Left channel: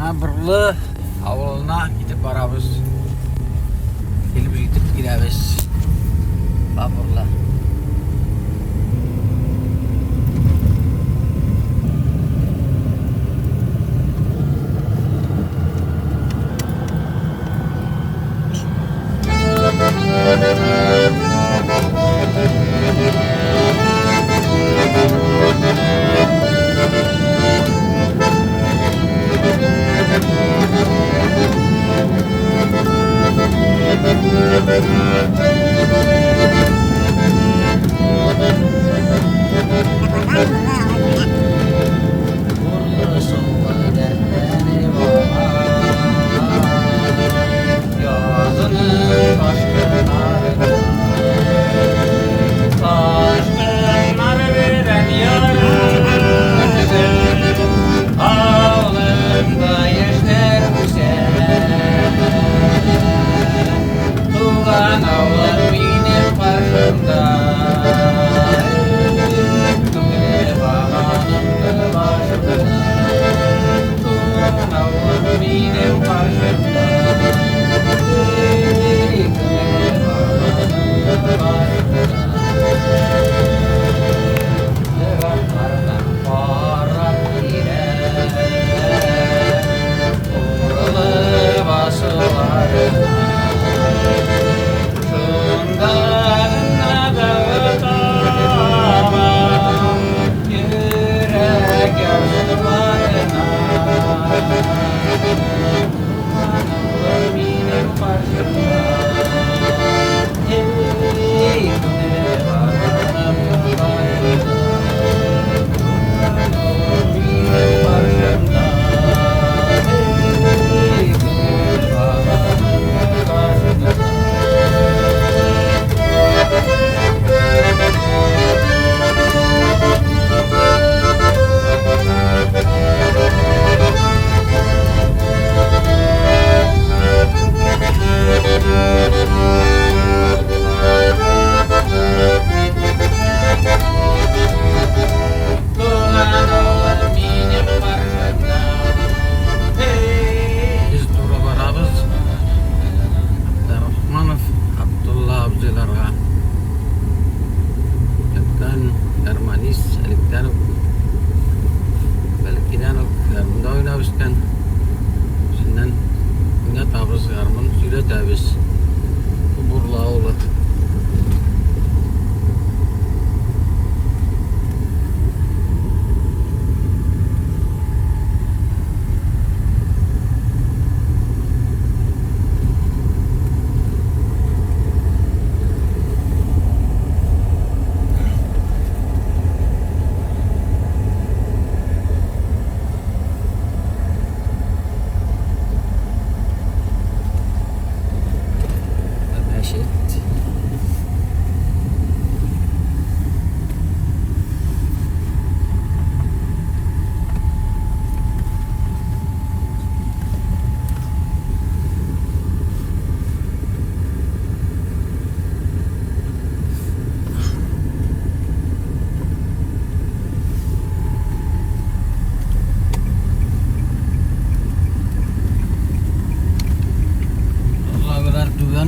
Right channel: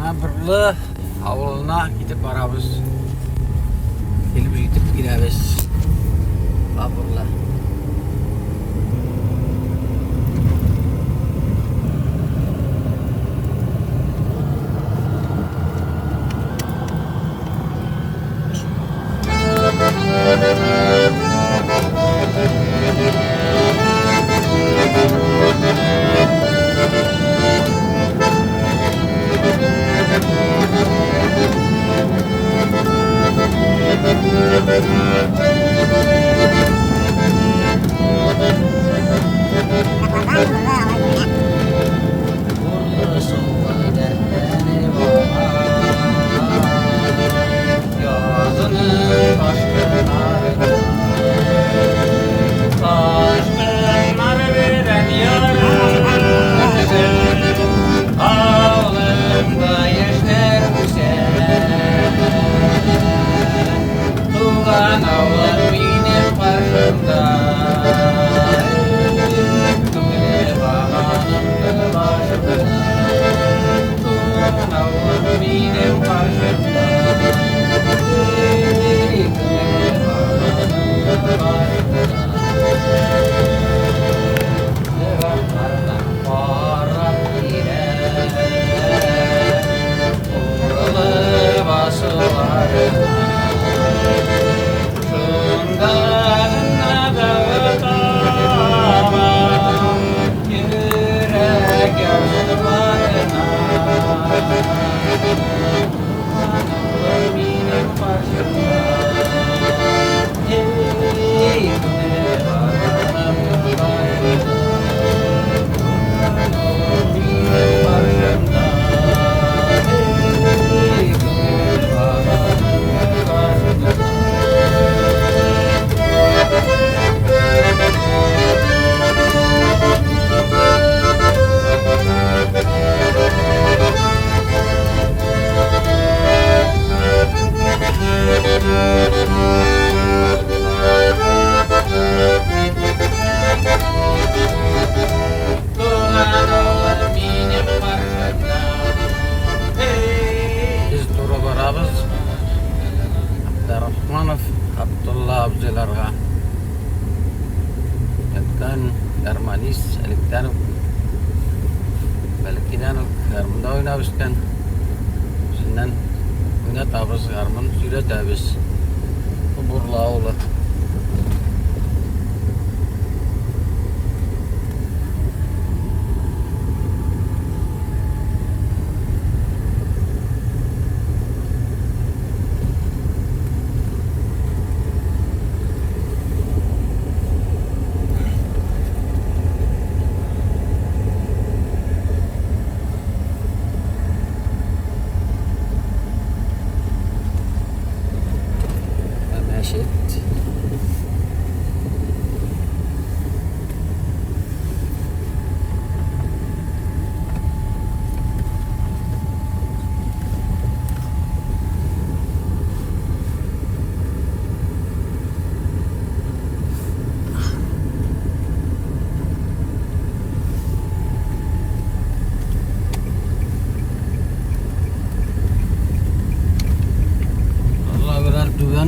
Birli avluna gidip barabız. Gelip yetip gideriz. Birli.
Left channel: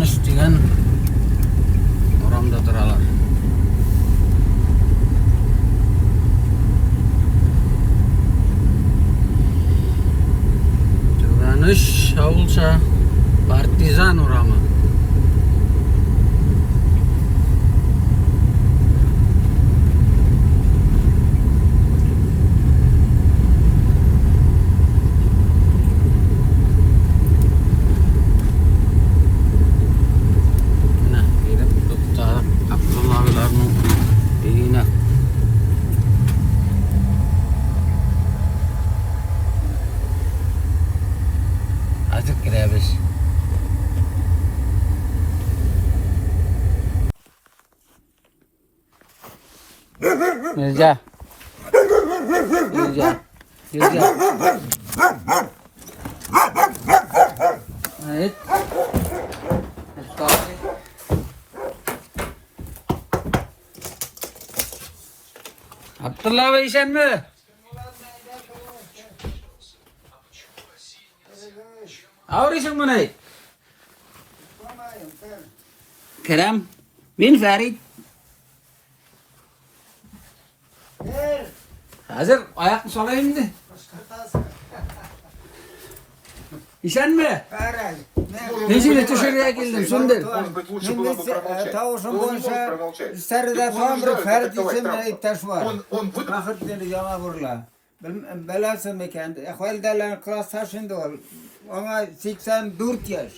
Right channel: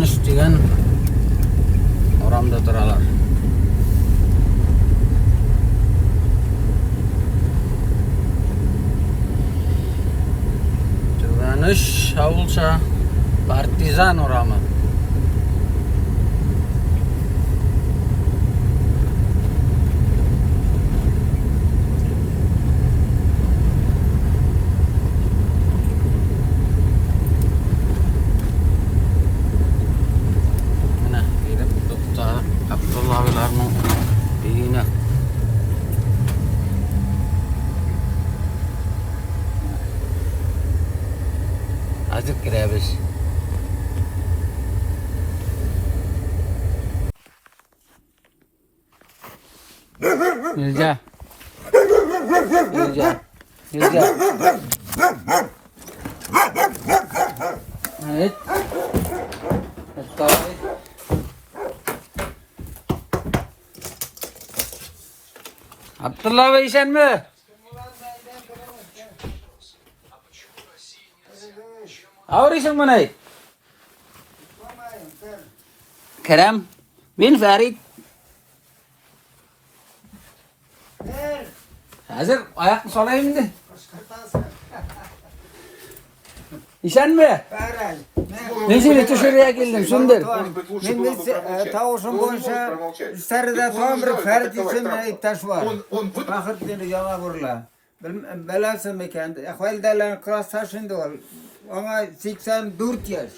Istikan orang da turalar. Turanış avulsa partizan oramı. Azıcık girebilir. Mirza. Mirza. Mirza. Evet. Abdullah Bey sen mi? Ağrısın mı ne? Kerem. Ben Ferit. Hazır ayaklı salayım mı? İşen mi? Nesine dışarıya geldim sündür. Şimdi tavuşun boyunca sarıda tam bir Ferit için iptaş var. Bakır dedi yana vurla. Belası mekan. Ahvaldalan klasa şimdi ol. Ona 84 yaş.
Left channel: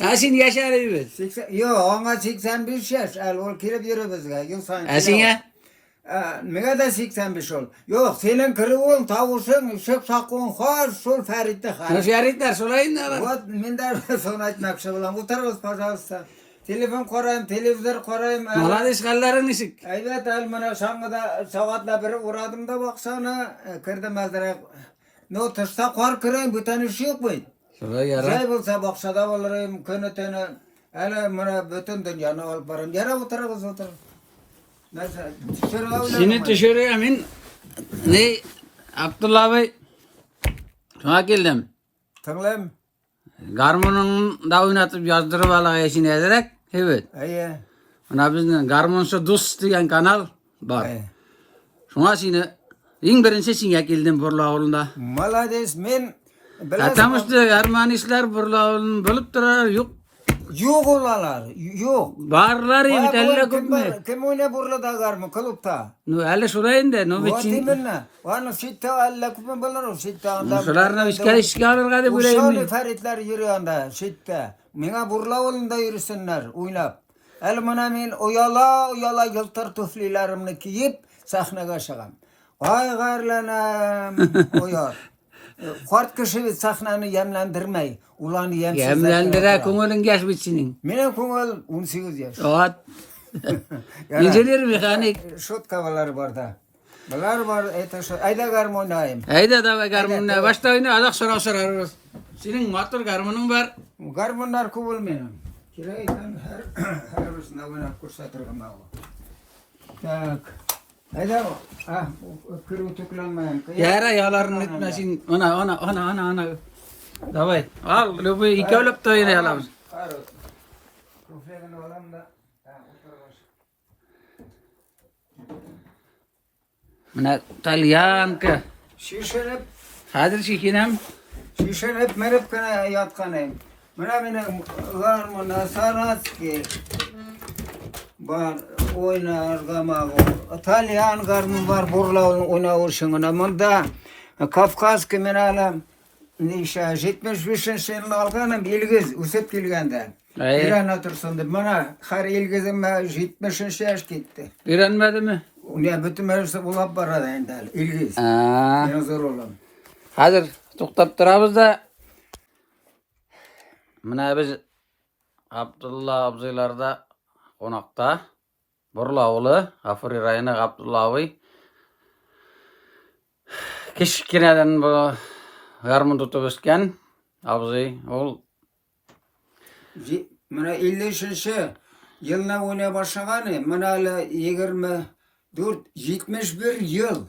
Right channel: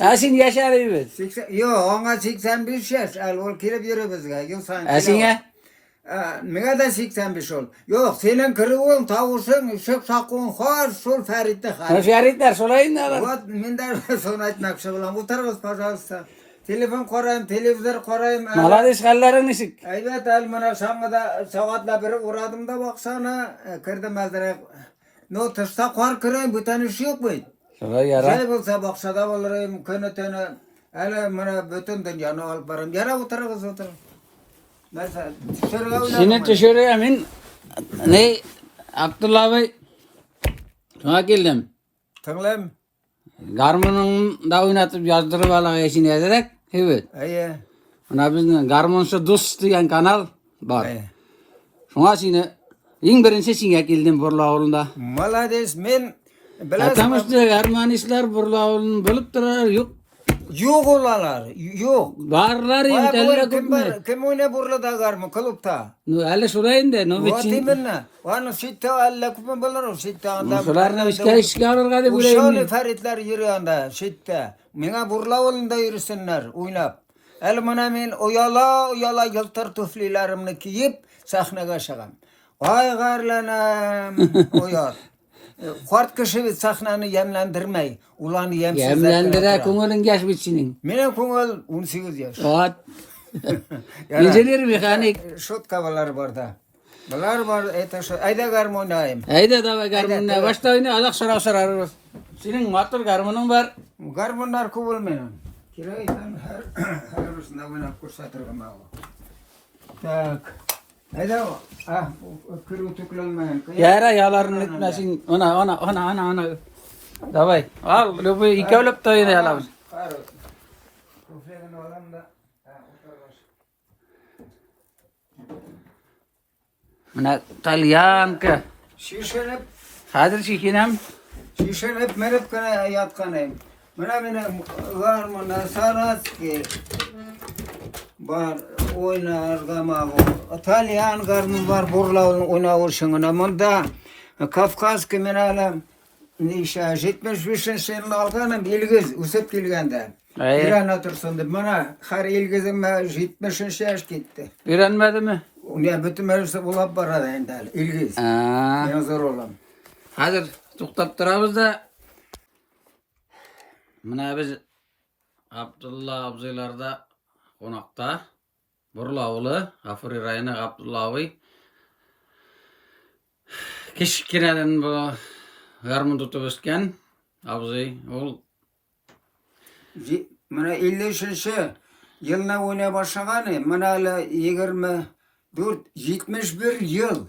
Asin yaşar evet. Yok ona 85 yaş. Al ol kirip yürü bizge. Asin ya? Mega da 85 ol. Yok senin kırıvın tavuşun şıp sakın har sol Ferit'te har. Feritler solayın da. Вот minder sonra etmekşi bulan. Bu tarafız pajavsa. Telefon korayım, televizör korayım. Malades kalların ışık. Evet el bana şangıda saatla biri uğradım da baksana. Kırdım azdıra. No tışta kor kırayım bu tane iş yok mu? Solay yara. Şey bulsa baksada olayım könü tane. Hele bana bütün dünyanı alıp varım. Yara bu tarafız o taraf. Neyse. Şimdi dışarıya min. Ne? Abdullah Bey. Sana geldim. Tanrım. Garmon'un da oynatıp yazdırıp alaya işini ederek. Evet. Aye. Ona bizden Garmon'sa dost diyen kanal var. Aye. Şuna şimdi en birinci sinye geldim Burla oğlunda. Malades men. Atamıştı Ermanistler Burla oğlunun bölüp durar yok. Yok olalar. Yok. Varlar ya elle kupme. Kim oyna burada garmı kulüpta? No elle sulayın de no biçin. Vatiminna. Vanu sitte alla kupme balar sitte anda. Sularına işgal alırga de Uşalı bulayım. feritler yürü anda sitte. Mena burla olunda yürüsünler oynap. El mana men oyala yıltır tuflilerimni kiyip sahnaga çıkam. Vay garlanam oyar. Kort kişi sahnanı yemlendirmey. Ulanı Yemlendire kumulun geç biçinin. Mene kumul 18 yaş. Evet. İncelir mekanik. Şut kavalar burada. Bunlar var ayda garmonayım. Hayda da garmonuna başta oyna adak sorar. Senin matır garmonun var. Garmonlar kubul menen. Kiraydan her üstüne oynap kursatırım abi. Tak. Hayda kırı tıklanmayan. Yara yalarını etmesin. Ona. Davay. Al. Lupu iki olup da yine yalamız. Kufregan olam da. Mana Talyan ka. Şişenip Hazır şikinem. merip kana yatkanayım. Mana garmona sarat ki. Bar oynar gamago. Talyan garmon var burla oyna urşunguna. Munda Kafkas ki menalam. Nişa 75 senin alganım ilgiz usip kilgende. Bir an otursundur. Mana har ilgizim 70 yaş gitti. Öğrenmedi mi? Ne bütün mevzusu bulap barada endal. İlgiz. Ne zor olan. Hazır to'xtab turamiz da mana biz Abdullah abziylarda qo'noqda Burla o'g'li G'afuriy rayoni Abdullaviy kichkinadan bu garmon tutib o'sgan abziy o'g'il. Mana 50 yılına oynaya başlaganı. Mana 74 yıl.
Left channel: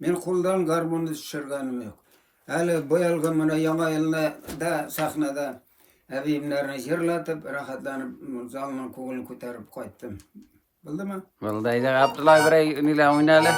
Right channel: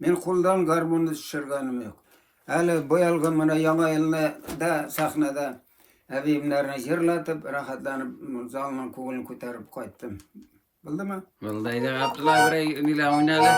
Men qo'ldan garmonni tushirganim yo'q. Hali boyalgan mana yana yilda da sahnada abimlarni yig'latib, rohatlanib, zalning ko'nglini ko'tarib qaytdim. Bildimi? Bildi. Abdullah biray nila o'ynadi.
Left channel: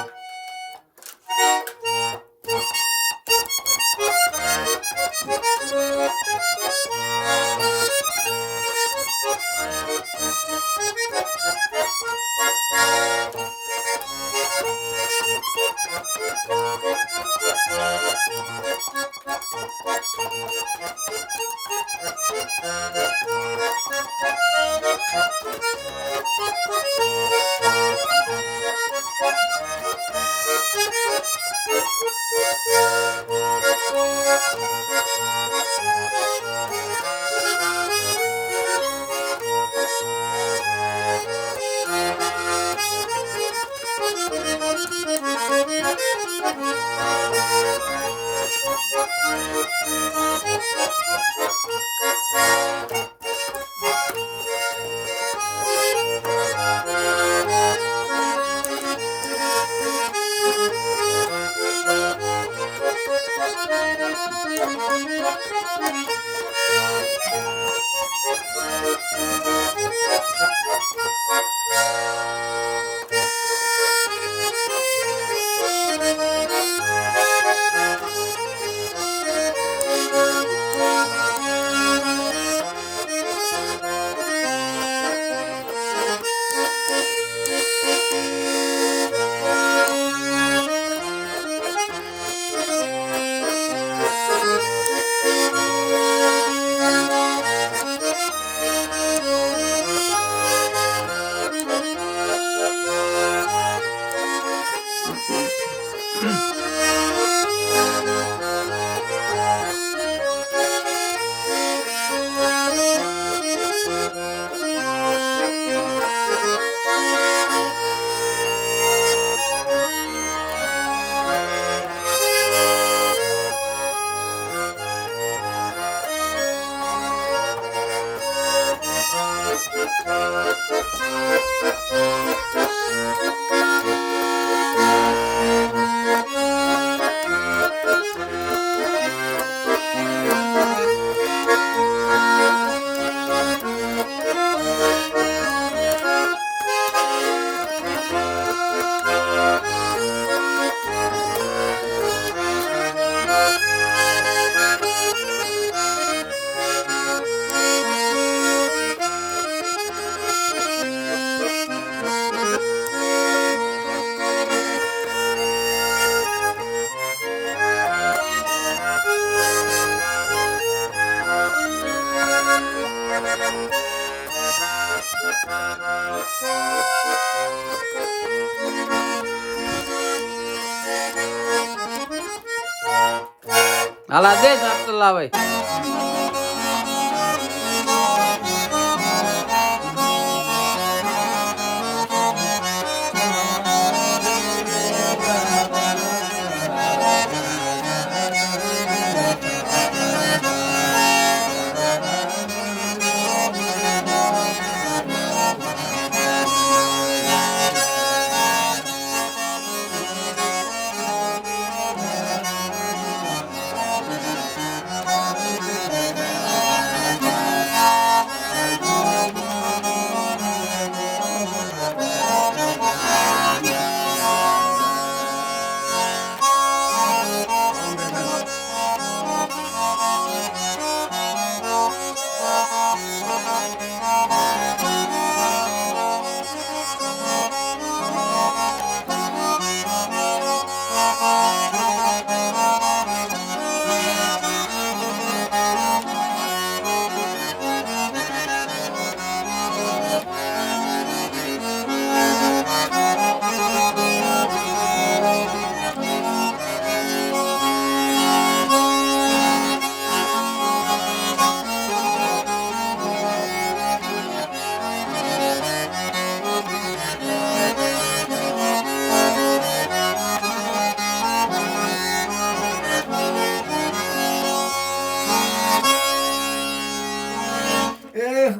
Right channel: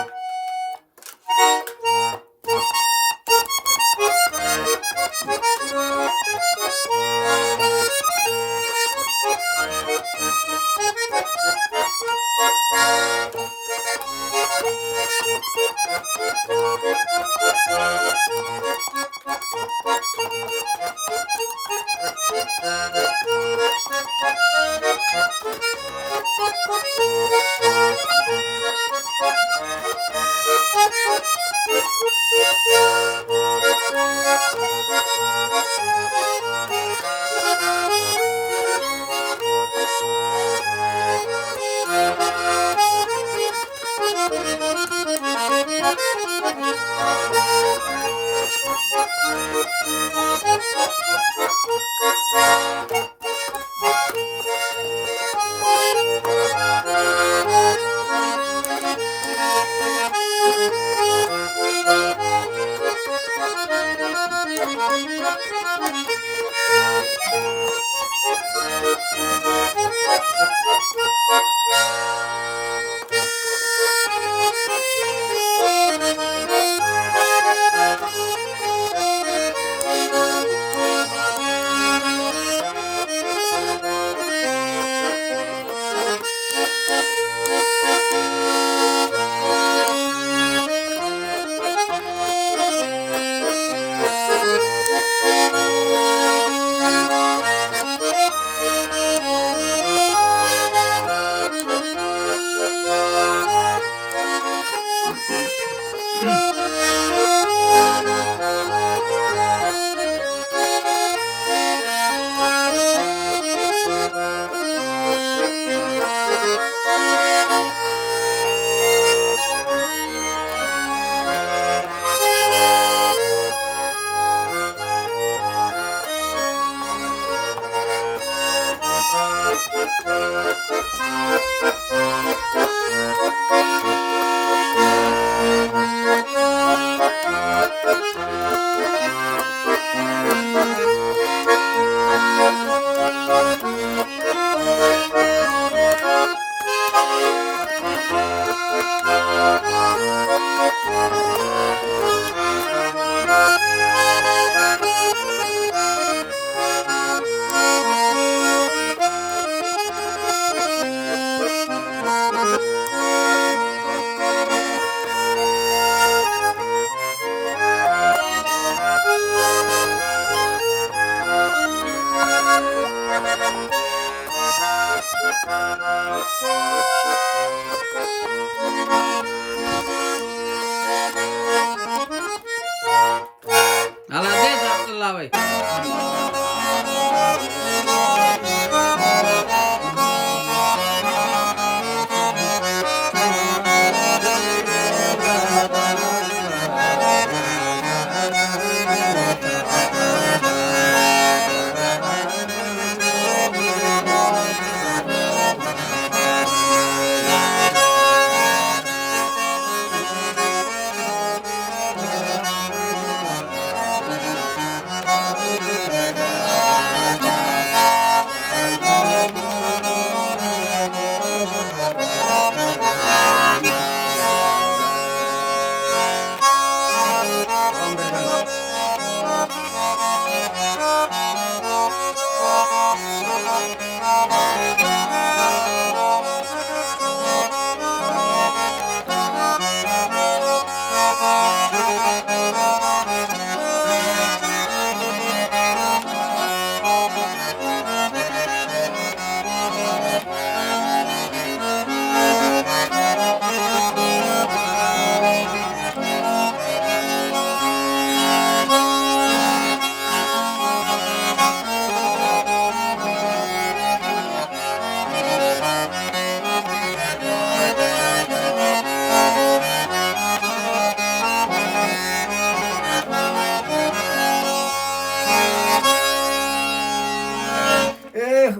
Hala des Abdullah Bey.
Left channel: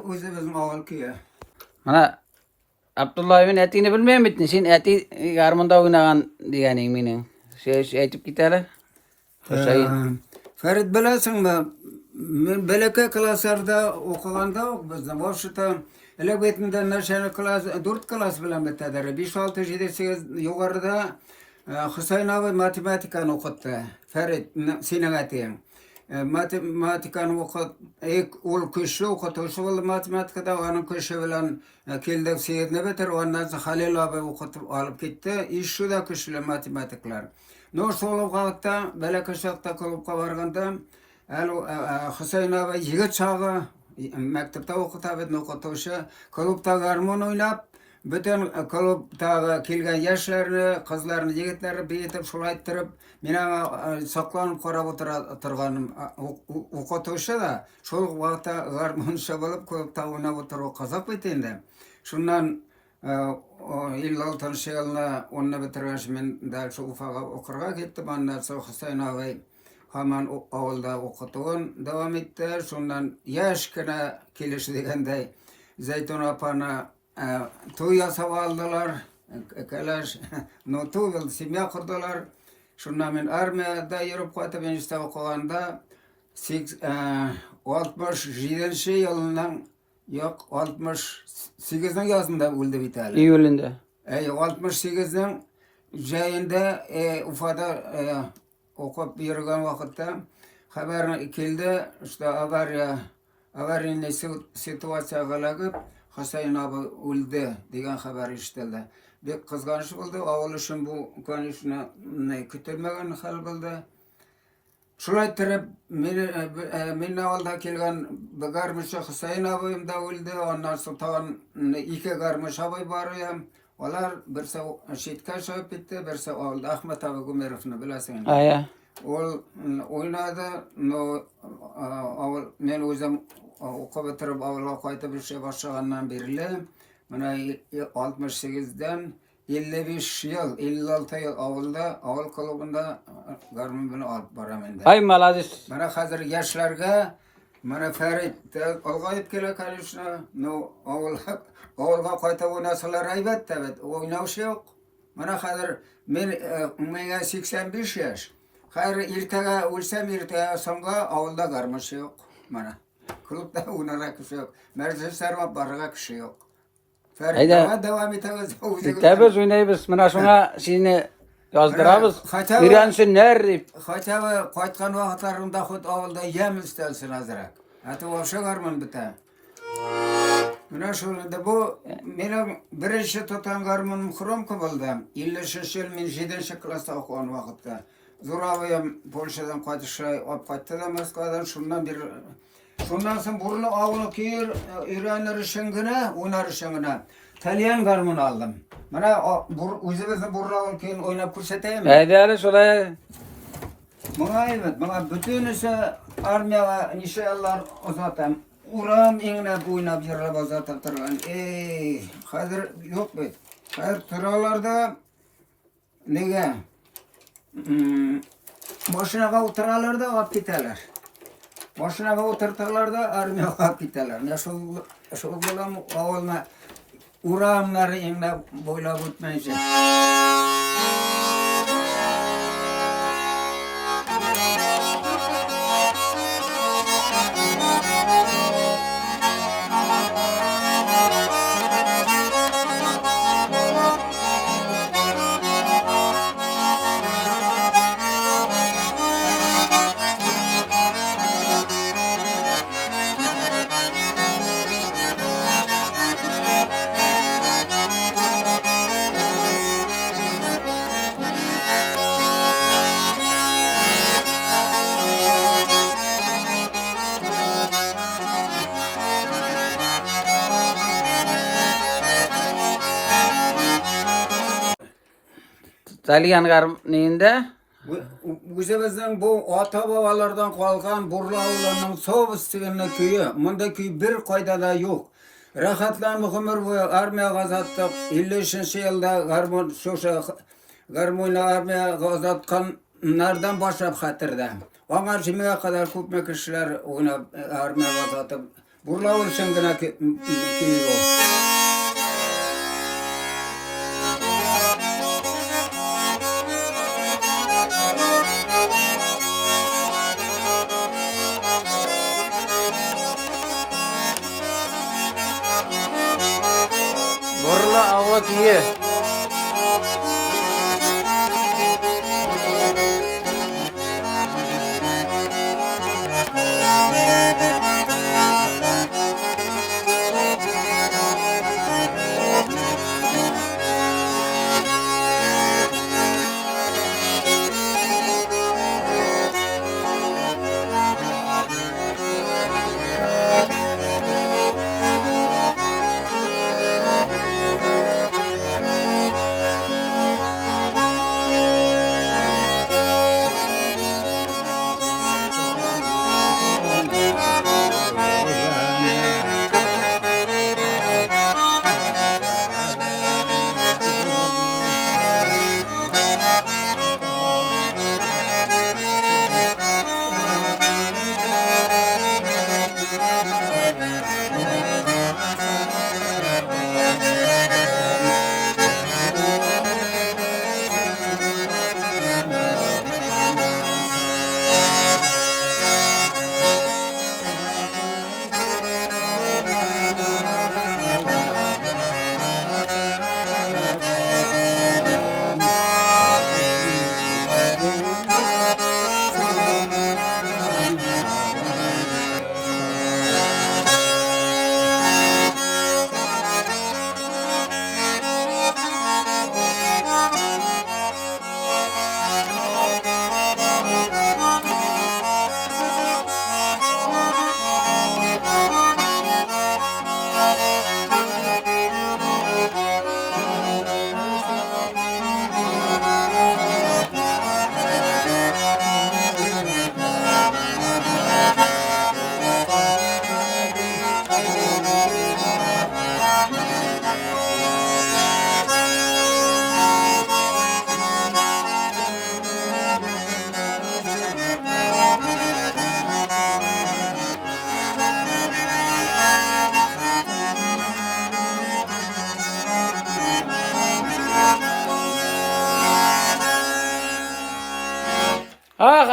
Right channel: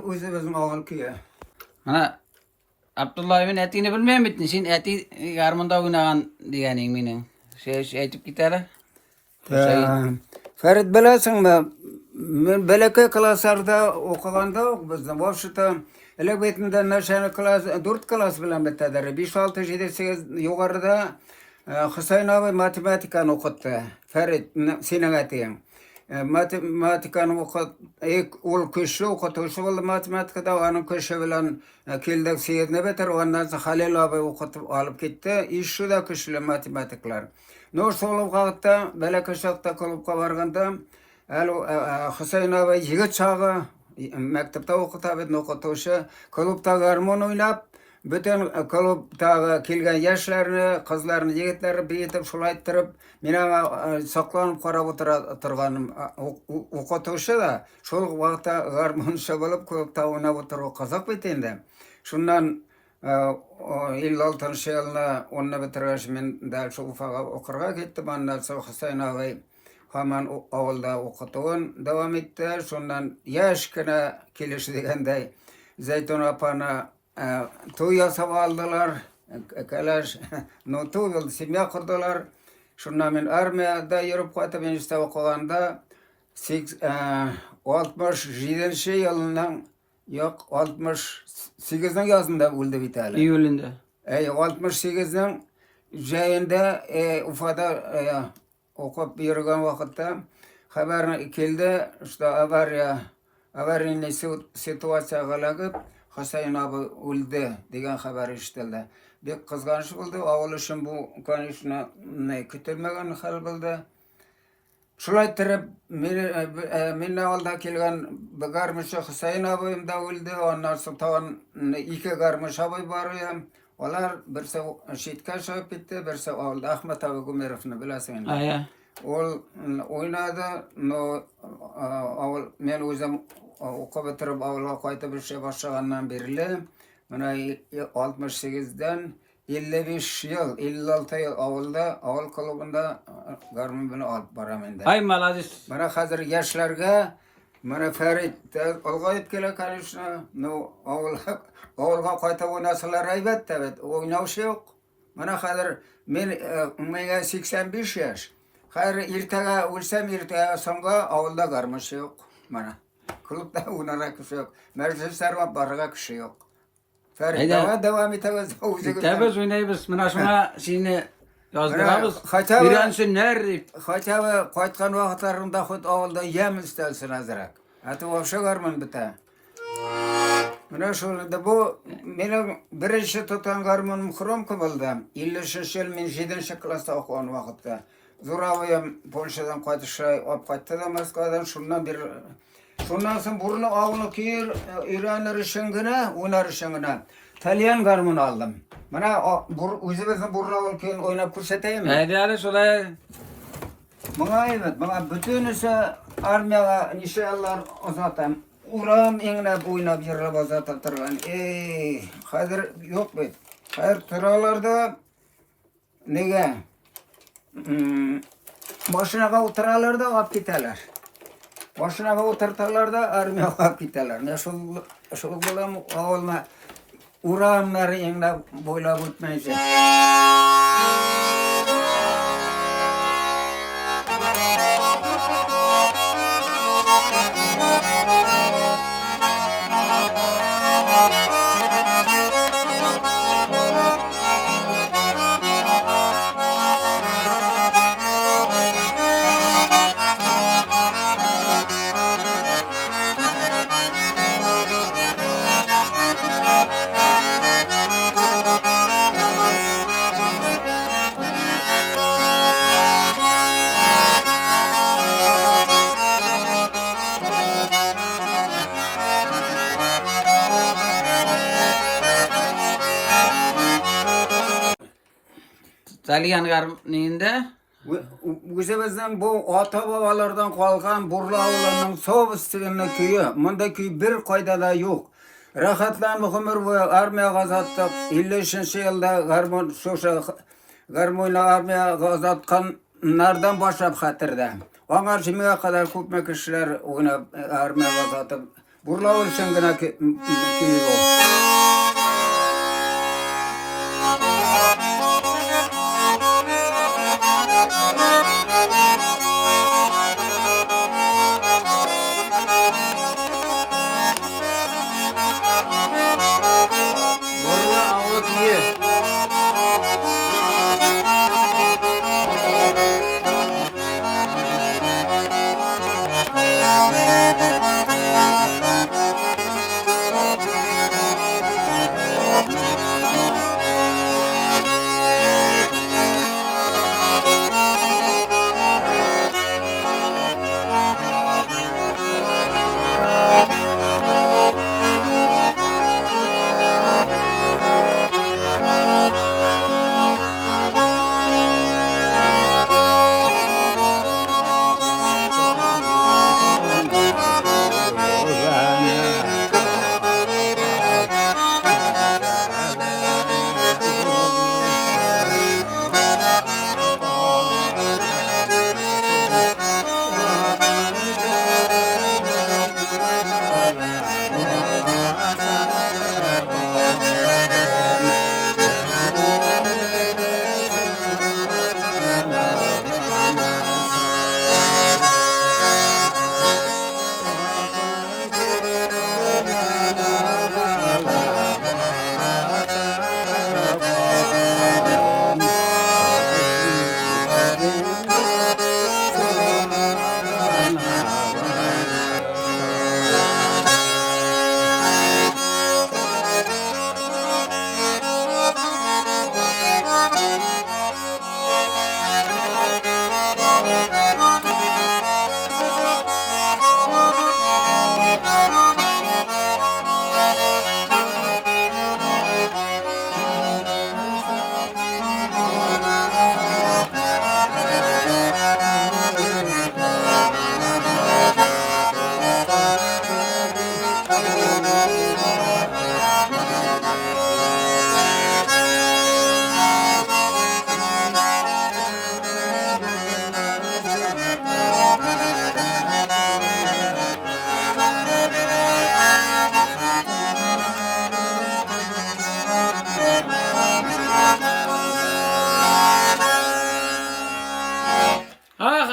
O'zi bizim oğul ki ya. Mana Abdullah Bey'in etini bilmeyen bittin. Sen eti yarmında oynagan diyenin minin. Şey aytıp giteli. Ferit bilesin mi? Men belki klaslarda okuganda bizden boşta ele betimden naşanı klas 4 klas bilen bitadar. 5 6 7 8 yukarıda Hüseyin abi matematikani okuttu. Ferit senin etiyin. Matematikani okut ol köşe okutuşu oldu matematikada onun köşe bilen keldi seyirne beter ondan sonra Halil abi okutup alıp gitti. İş şu da köşeli matematikler. Nur solu kağıtta belki şokta kalıp varganda Hüseyin abi yigit çağı mektepte okutabı okutuşu kalıpta garmon oynap bütün kalıpta kelgen yaşlarını, kızlarını, yigitlerini beyitip şulayttırıp mena saklanıp qarab oturganim okutuşu da şol vaqtda garmonşa bolup kalıpta oynap oturup kazak bitende. Şundan 56 yılına onu bitirmiş men de şu ufağa okurga gittim. Ondan sonra Hüseyin abi hemen avulda okutuğun devam etti. Şundan yaşkına keliş degende Zeytun apana toy yasab aldılar. Kalaş no toy yıldı simya kurdular. Şundan men armiyada yürüp qaytып ben işte okuganda 67 yılından yok 68'den yazında öldü bir tane. İyulinde. 68'den jayında Ufada okup yürüyen vakitte haber keldi. İşte avariya situasiya galagıp Hüseyin abi öldü degan haber işitildi. Bek kızganç oldu. Oğul için bu konuşma kütülmegen hal buldu. Şurayı terip minne alda kelgen bir garmışı Hüseyin abim da öldü. Ondan sonra iki garmış abi var ya. Olar birse şitka şahap etti, birse oldu. Ahmet abi Gumerov'unu bilesin. Aya. Ol oynadı. Men özüm okup bitirip avluğa qaytып işe başlagandan beri mana 68'den 55 yıl, 56 yıl avulda, avul klubunda garmon bilen alıp baramen. Ay malazis. Mana hazır yaşlarga mana Ferit olgayıp kele karışna no avulga qayta oynasalar elbette evet oynauş yok. Mana hazır men 85 yaş. Hayır irtaga ölsem irtaga sonra avulda garmış yok. Mana klubda oynara kişi yok. Mercesler barga kişi yok. Ferit devam etmez. Tabiz oynayız. Mana şuna seni yazdırabız. Hatta- Biransı ner. Hatta qaytgan vaqtlarında xud avulda yem istelsin azrak. Hatta o'sha garmon bita. Mana şolda bu mening birinchi tutan garmonim Xromka bo'ldi. 50-yil men 7-klassda o'qigan vaqtda. Zo'raviyam Polshadan qaytishray olib qaytdi Moskvadan. Shundan bir Sondan sonra burnu avlu kiyir, İranır şıngına, unar şıngına. Talyan garmon aldım. Bana uzun burnu avlu kiyir oynap kurseteyim mi? Haydi şolay. Bana evet, bana bütün ise armiyaga nişanlar uzatam. Uram ingine boynap yırrab uzatıp turgan. Hazır yok beyt. Hayır tıralarda nege? Başına oturalarda alıp giderler. Başına oturtarlarda armiyaga alıp giderler. Ne şu bulam avulma uramları ingine boylap ötmeyecek. Talyan garmninde. Bizimizden bu ata babalardan kalkan burlavlarının soğustuğunu köyü. Bunda köy bir kaydada yok. Rahatlanma ömür boyu armiya gazattık. 53. yılda garmoyla armiya gazatkanlardan başlayıp hatırda. Onlar şimdiye kadar köpme kişiler oynap armiya gazatıp burlavlar şıngına köyü yok. Borla avla kiye.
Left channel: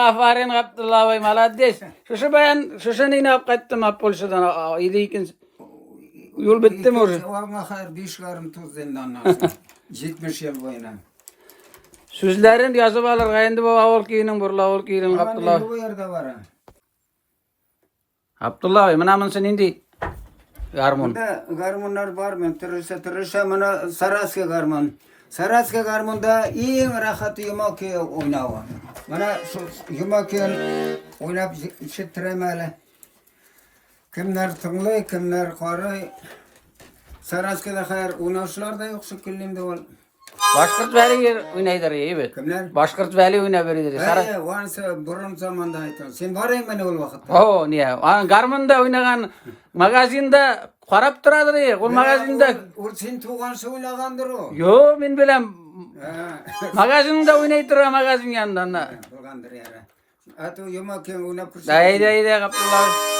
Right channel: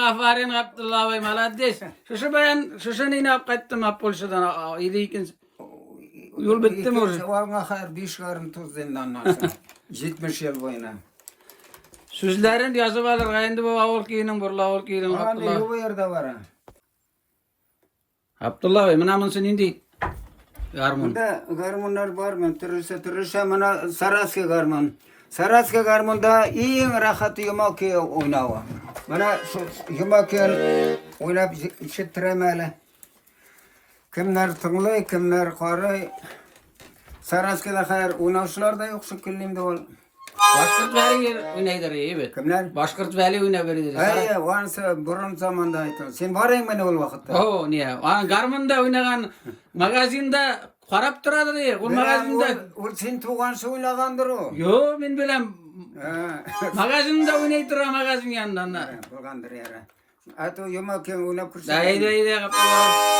Aferin Abdullah Bey maladdes. Şu ne yaptım Polşa'dan iyiyken yol bitti mi orada? Ona kadar 5 karım tuz zindanlarsın. 70 yıl boyuna. Sözlerin yazıp alır gayndi bu avul kiyinin burla avul kiyinin Abdullah. Bu yerde var ha. Abdullah Bey mana mısın indi? Garmun. Bunda garmonlar var mı? Tırışa mana Saraska garmon. Saraska garmonda en rahat yumak oynava. Mana yumak oynap şittiremeli. Kimler tınglı, kimler qarı. Saraskıda hayır, unaşlar da yok şekillimde ol. Başkırt veli oynaydır evet. Kimler? Başkırt veli oynayır. Hayır, varsa burun zamanda aytın. Sen varayım beni ol vakitte. Oo niye? An garmında oynagan magazinda qarap turadır ya. Ol magazinda. Ol sen tuğan söylegandır o. Yo men bilem Ha. magazinda oynaydır magazin yanında. Bulgandır yara. Ato yomak kim oynap kursa. Dayı kapılar.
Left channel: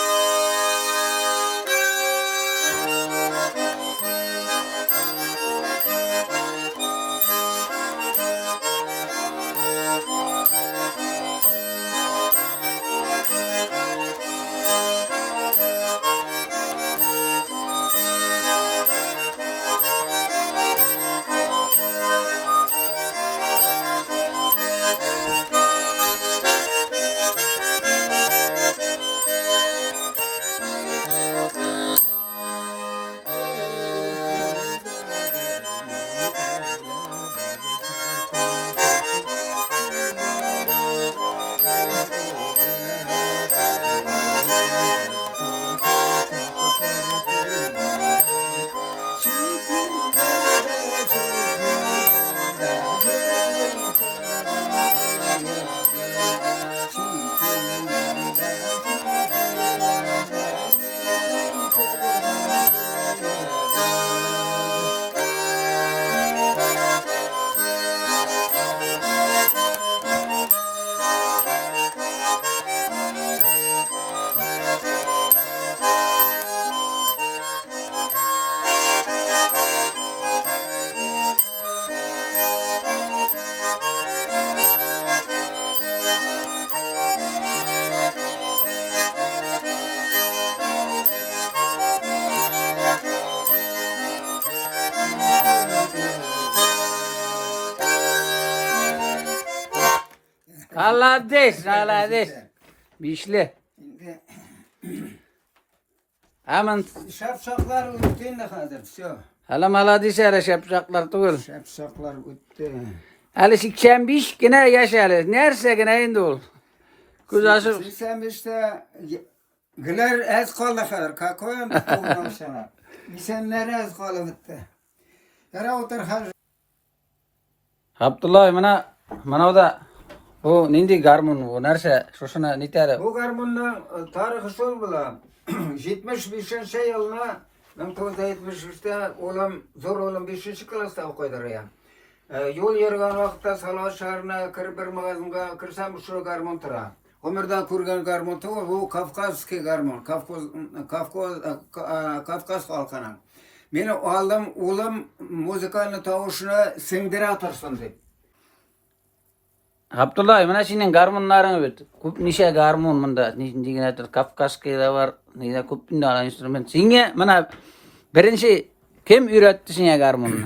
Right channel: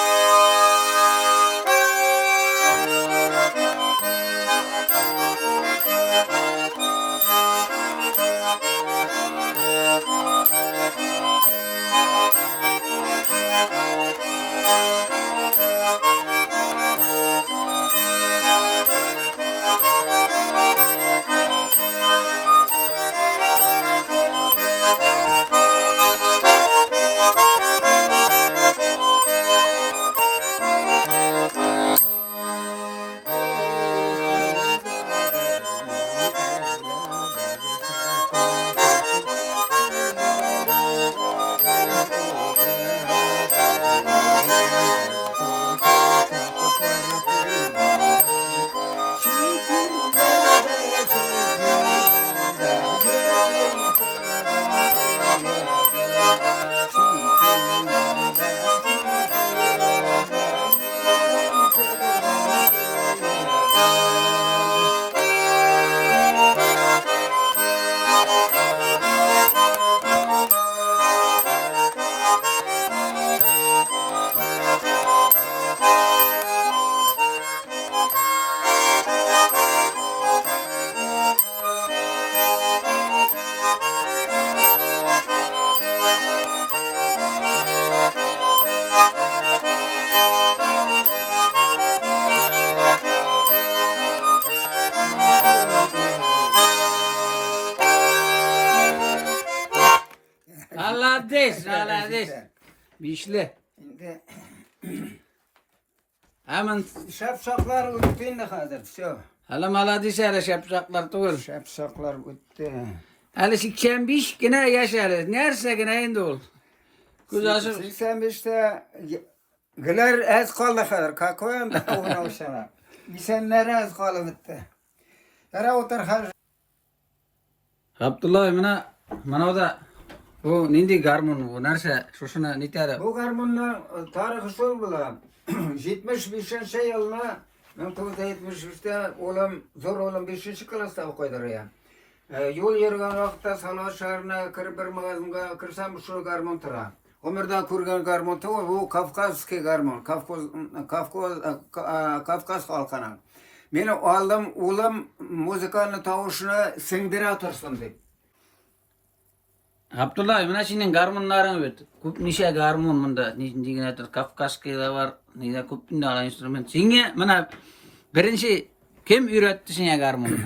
Allah des. Bişli. Hemen Şapşaklar üttün de hazır. Şu. halam hala dişere şapşaklar tuğul. Şapşaklar üttü. Hali 85 gene yaşalı. Nerse gene indi ol. Kuzası Sen işte güler ez kaldı kadar. Kakoyan da kovmamış sana. Sen nere ez kaldı bitti. Yara otur har. Abdullah mana da o nindi garmun o nerse şuşuna nitare. Bu garmunun tarihi şol bula. 75. yılına 1973'te oğlum zor oğlum 5. klasta okuydur ya. Yol yürüyen vakitte Salat şehrine kirip bir magazinga kirsem şu garmun tura. Ömürden kurgan garmun tura bu Kafkaski garmun. Kafkas halkına. Beni aldım oğlum müzikanın tavuşuna sindire atırsın deyip. Abdullah mana senin garmunlarını bit. Kup nişe garmun mında nigine Kafkaski da var. Nigine kup inda instrument. Singe mana birinci kim üretti singe garmununu?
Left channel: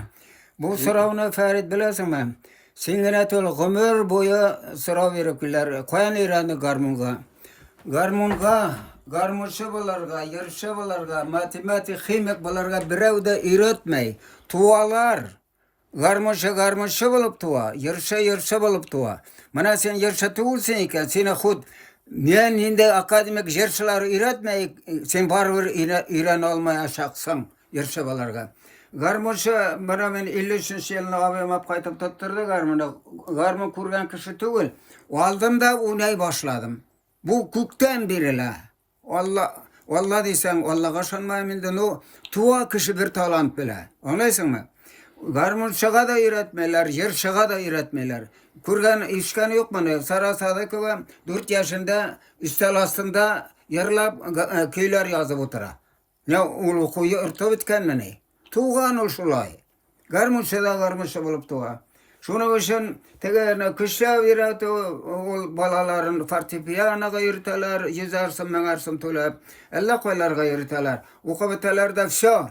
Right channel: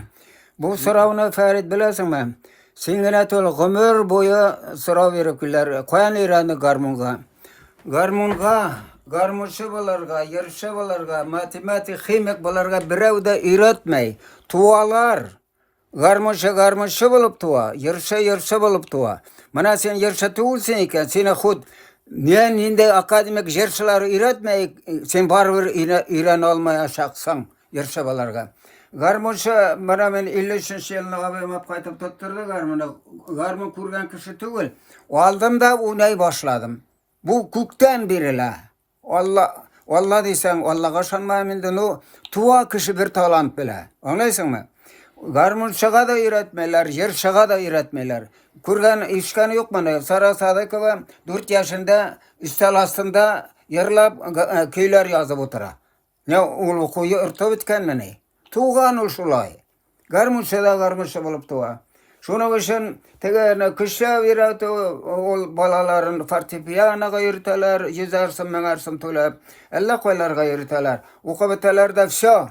Bu soravını Ferit bilesin mi? Singine tol ömür boyu sorav verip güller. Koyan iranı garmunga. Garmunçu bularga, yarışı bularga, matematik, kimik bularga birev de üretmey. Tuvalar. Garmunçu bulup tuva. Yarışı bulup tuva. Mana sen yarışı tuğulsun iken seni hud ninde akademik yarışları üretmey. Sen barber İran olmaya şaksan yarışı bularga. Garmunçu bana men 53. yılına abim kaytıp tutturdu garmunu. Garmun kurgan kişi tuğul. Aldım da unay başladım. Bu kuktan biriyle. Allah diysen Allah'a şanmayımında o tuva kişi bir talant bile. Anlaysın mı? Garmunçağa da üretmeler, yarışağa da üretmeler. Kurgan işkanı yok bana. Sarasa'da kıvam 4 yaşında üstel astında yarılap köyler yazıp otura. Ne ulu kuyu ırtı bitken mi ne? Tuğan ulşulay. Garmunça bulup tuğa. Şunu için tegene kışa virat o balaların fortepiyana yürüteler, yüzarsın meğersın tulep. Allah koylarga yürüteler. Okubeteler de şu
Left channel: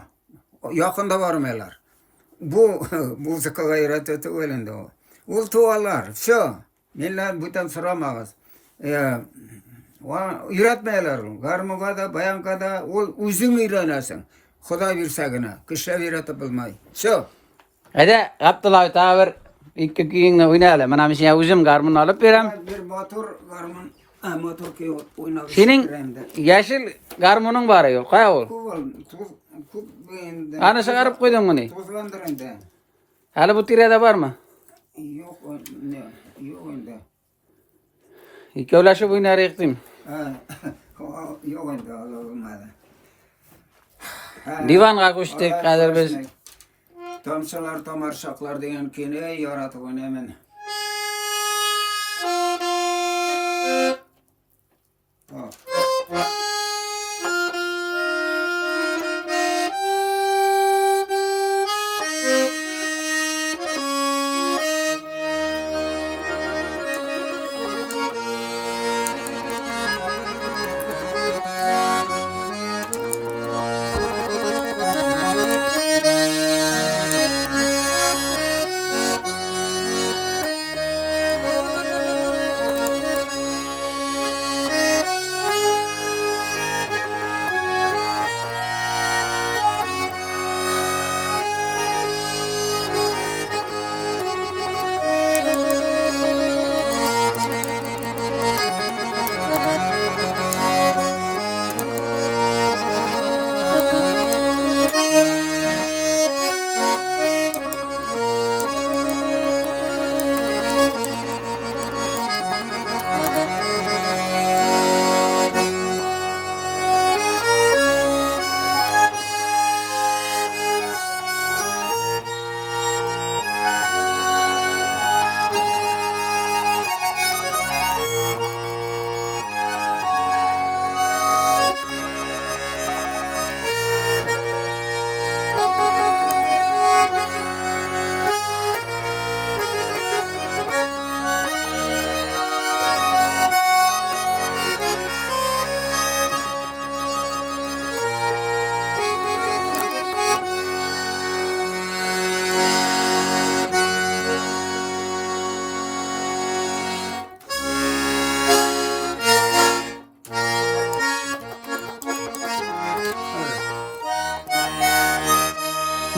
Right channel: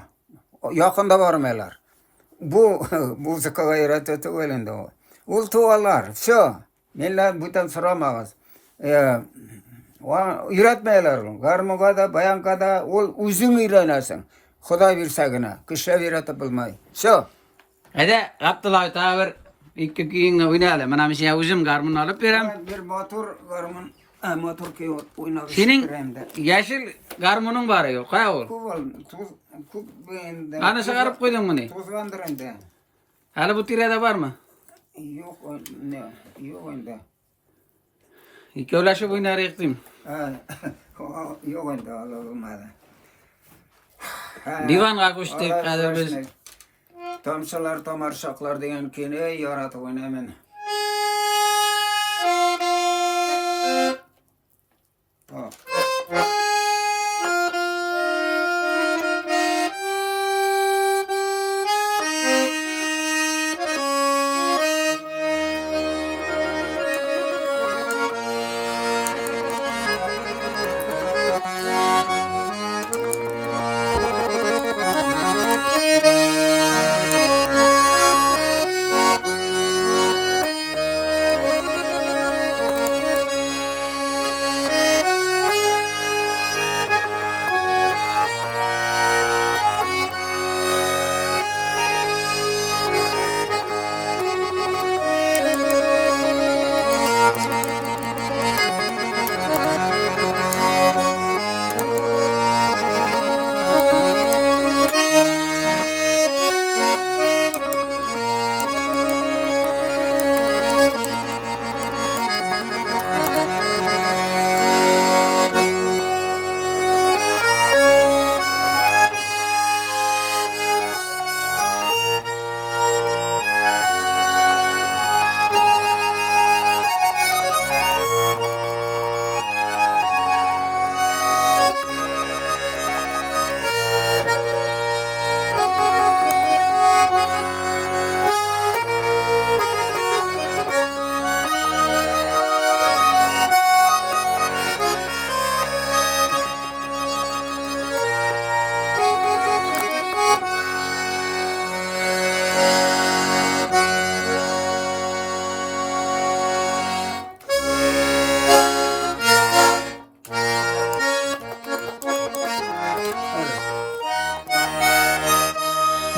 yakında varmeler. Bu müzika gayreti öylende o. Ul tuğalar şu. Millet bütün sıramaz. Üretmeyeler. Garmuga da bayanka da uzun ürenesin. Xuday birsagina. Kışa viratı bulmay. Şu. Hadi Abdullah tavır iki kiyinle oynayalım. Mana mesela uzun garmun alıp verem. Bir motor garmun Motor ki oynar. Senin yeşil garmonun var yok. Kaya ol. Kub beğendim. Ana çıkarıp koydun bunu. Tuzlandırındı. Hala bu tirede var mı? Yok ne? Yok onda. İki ulaşıp oynar ektim. Yok onda olmadı. Divanға көштік қазір біз. Tomsalar tamarşaklar degan keni yaratib o'ynayman.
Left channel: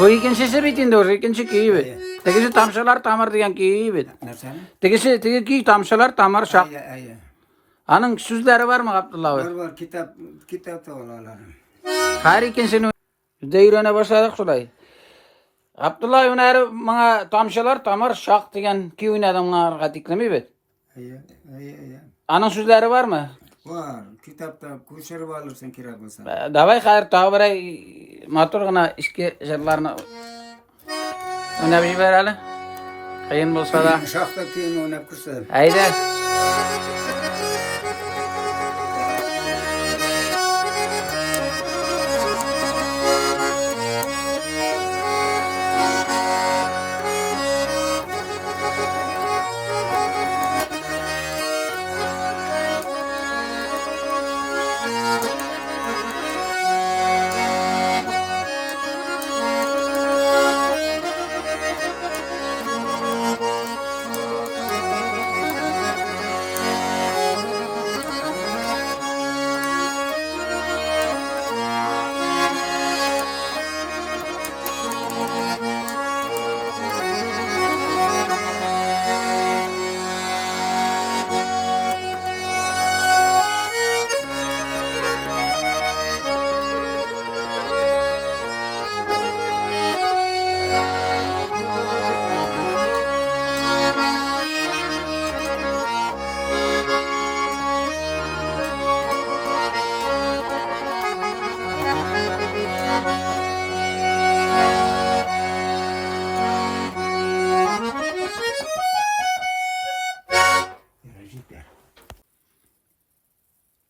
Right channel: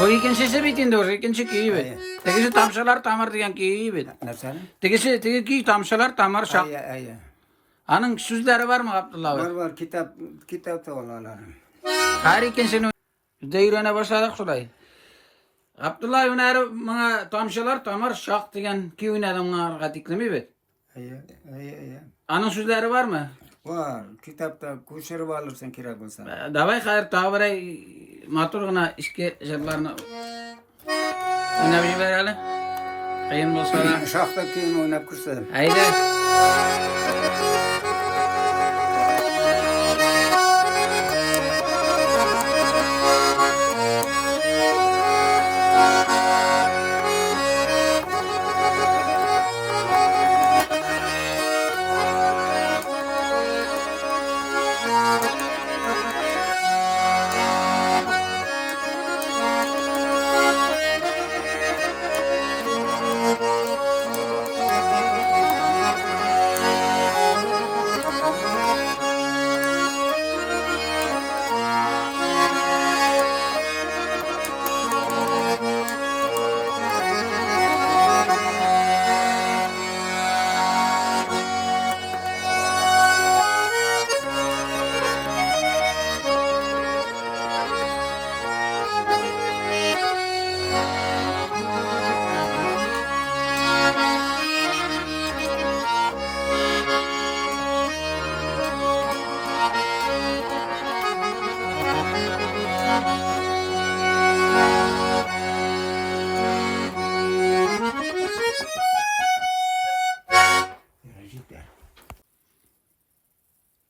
Bu ikincisi bitindi o ikinci kiyi bit. Tegisi tamşalar tamar diyen kiyi bit. Nasıl? Tegi ki tamşalar tamar şak. Ay. Anın sözleri var mı Abdullah abi? Var kitap da olanlar. Her ikincisini deyrene başladık şulay. Abdullah Öner bana tamşalar tamar şak diyen ki oynadım bana diklemi bit. Ay. Anın sözleri var mı? Var. Kitapta koşarıp alırsın kira kılsan. Davay hayır tavıray motor gına işki jırlarına oynayıp jibereli. Kıyın bolsa da. Şahta kiyim oynap kırsadım. Haydi.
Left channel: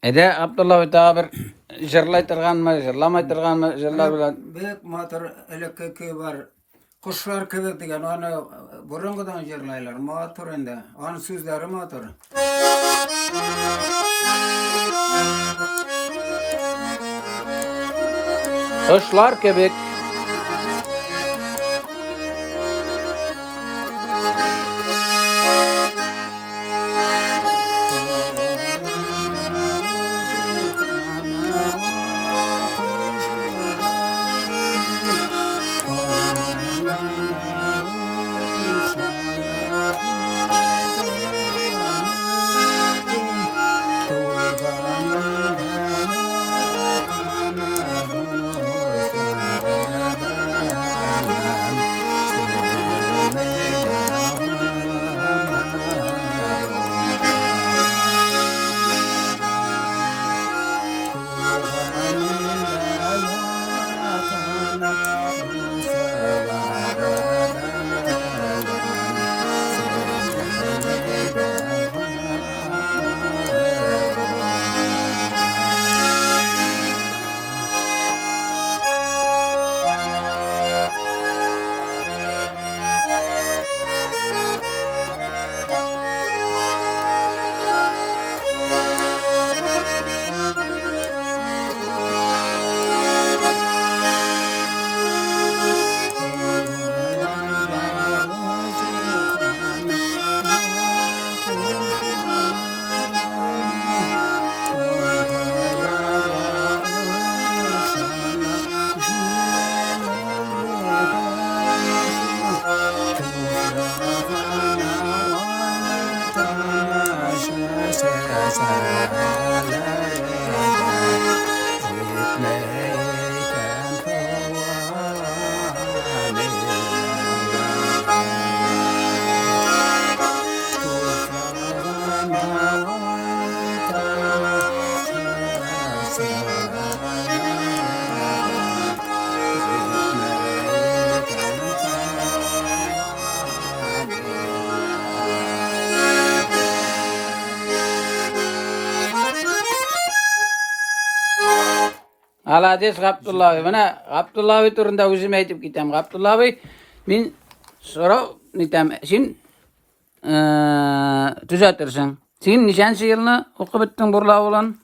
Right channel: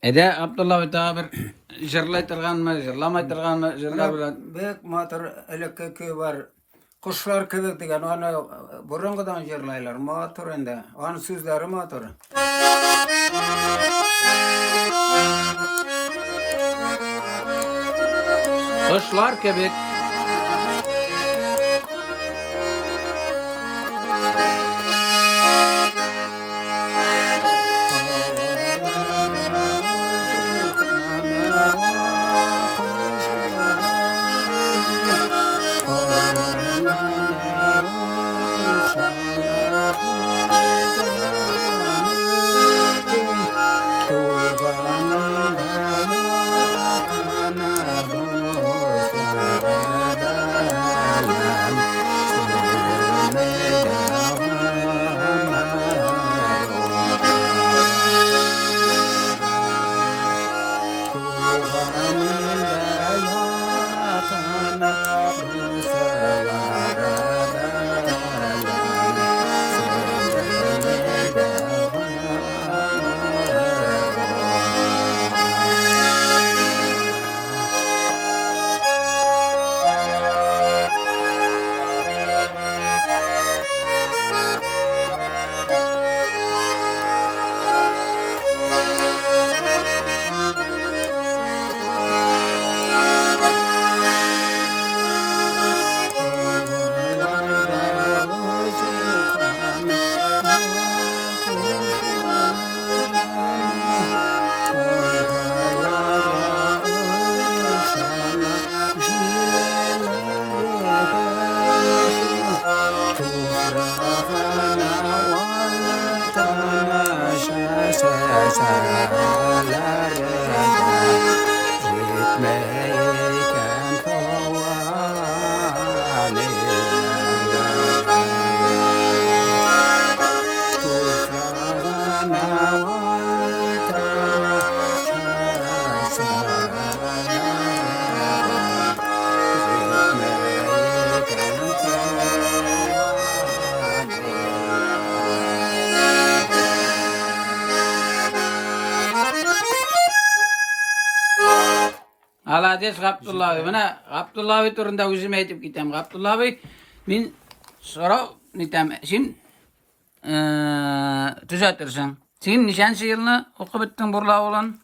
Ede Abdullah Tabir jırlay tırgan mı, jırlamay tırgan mı, jırlar bilen. Büyük motor elekeki var. Kuşlar kebek degan onu burungudan jırlaylar. Motor ende. Onun sözleri motor. Kuşlar kebek. Alades Abdullah abi. Mana Abdullah abi turunda özüm aytıp gitem. Abdullah abi min sonra nitem sin düzeltirsin. Sen nişançı yılını okup bittin burla olan?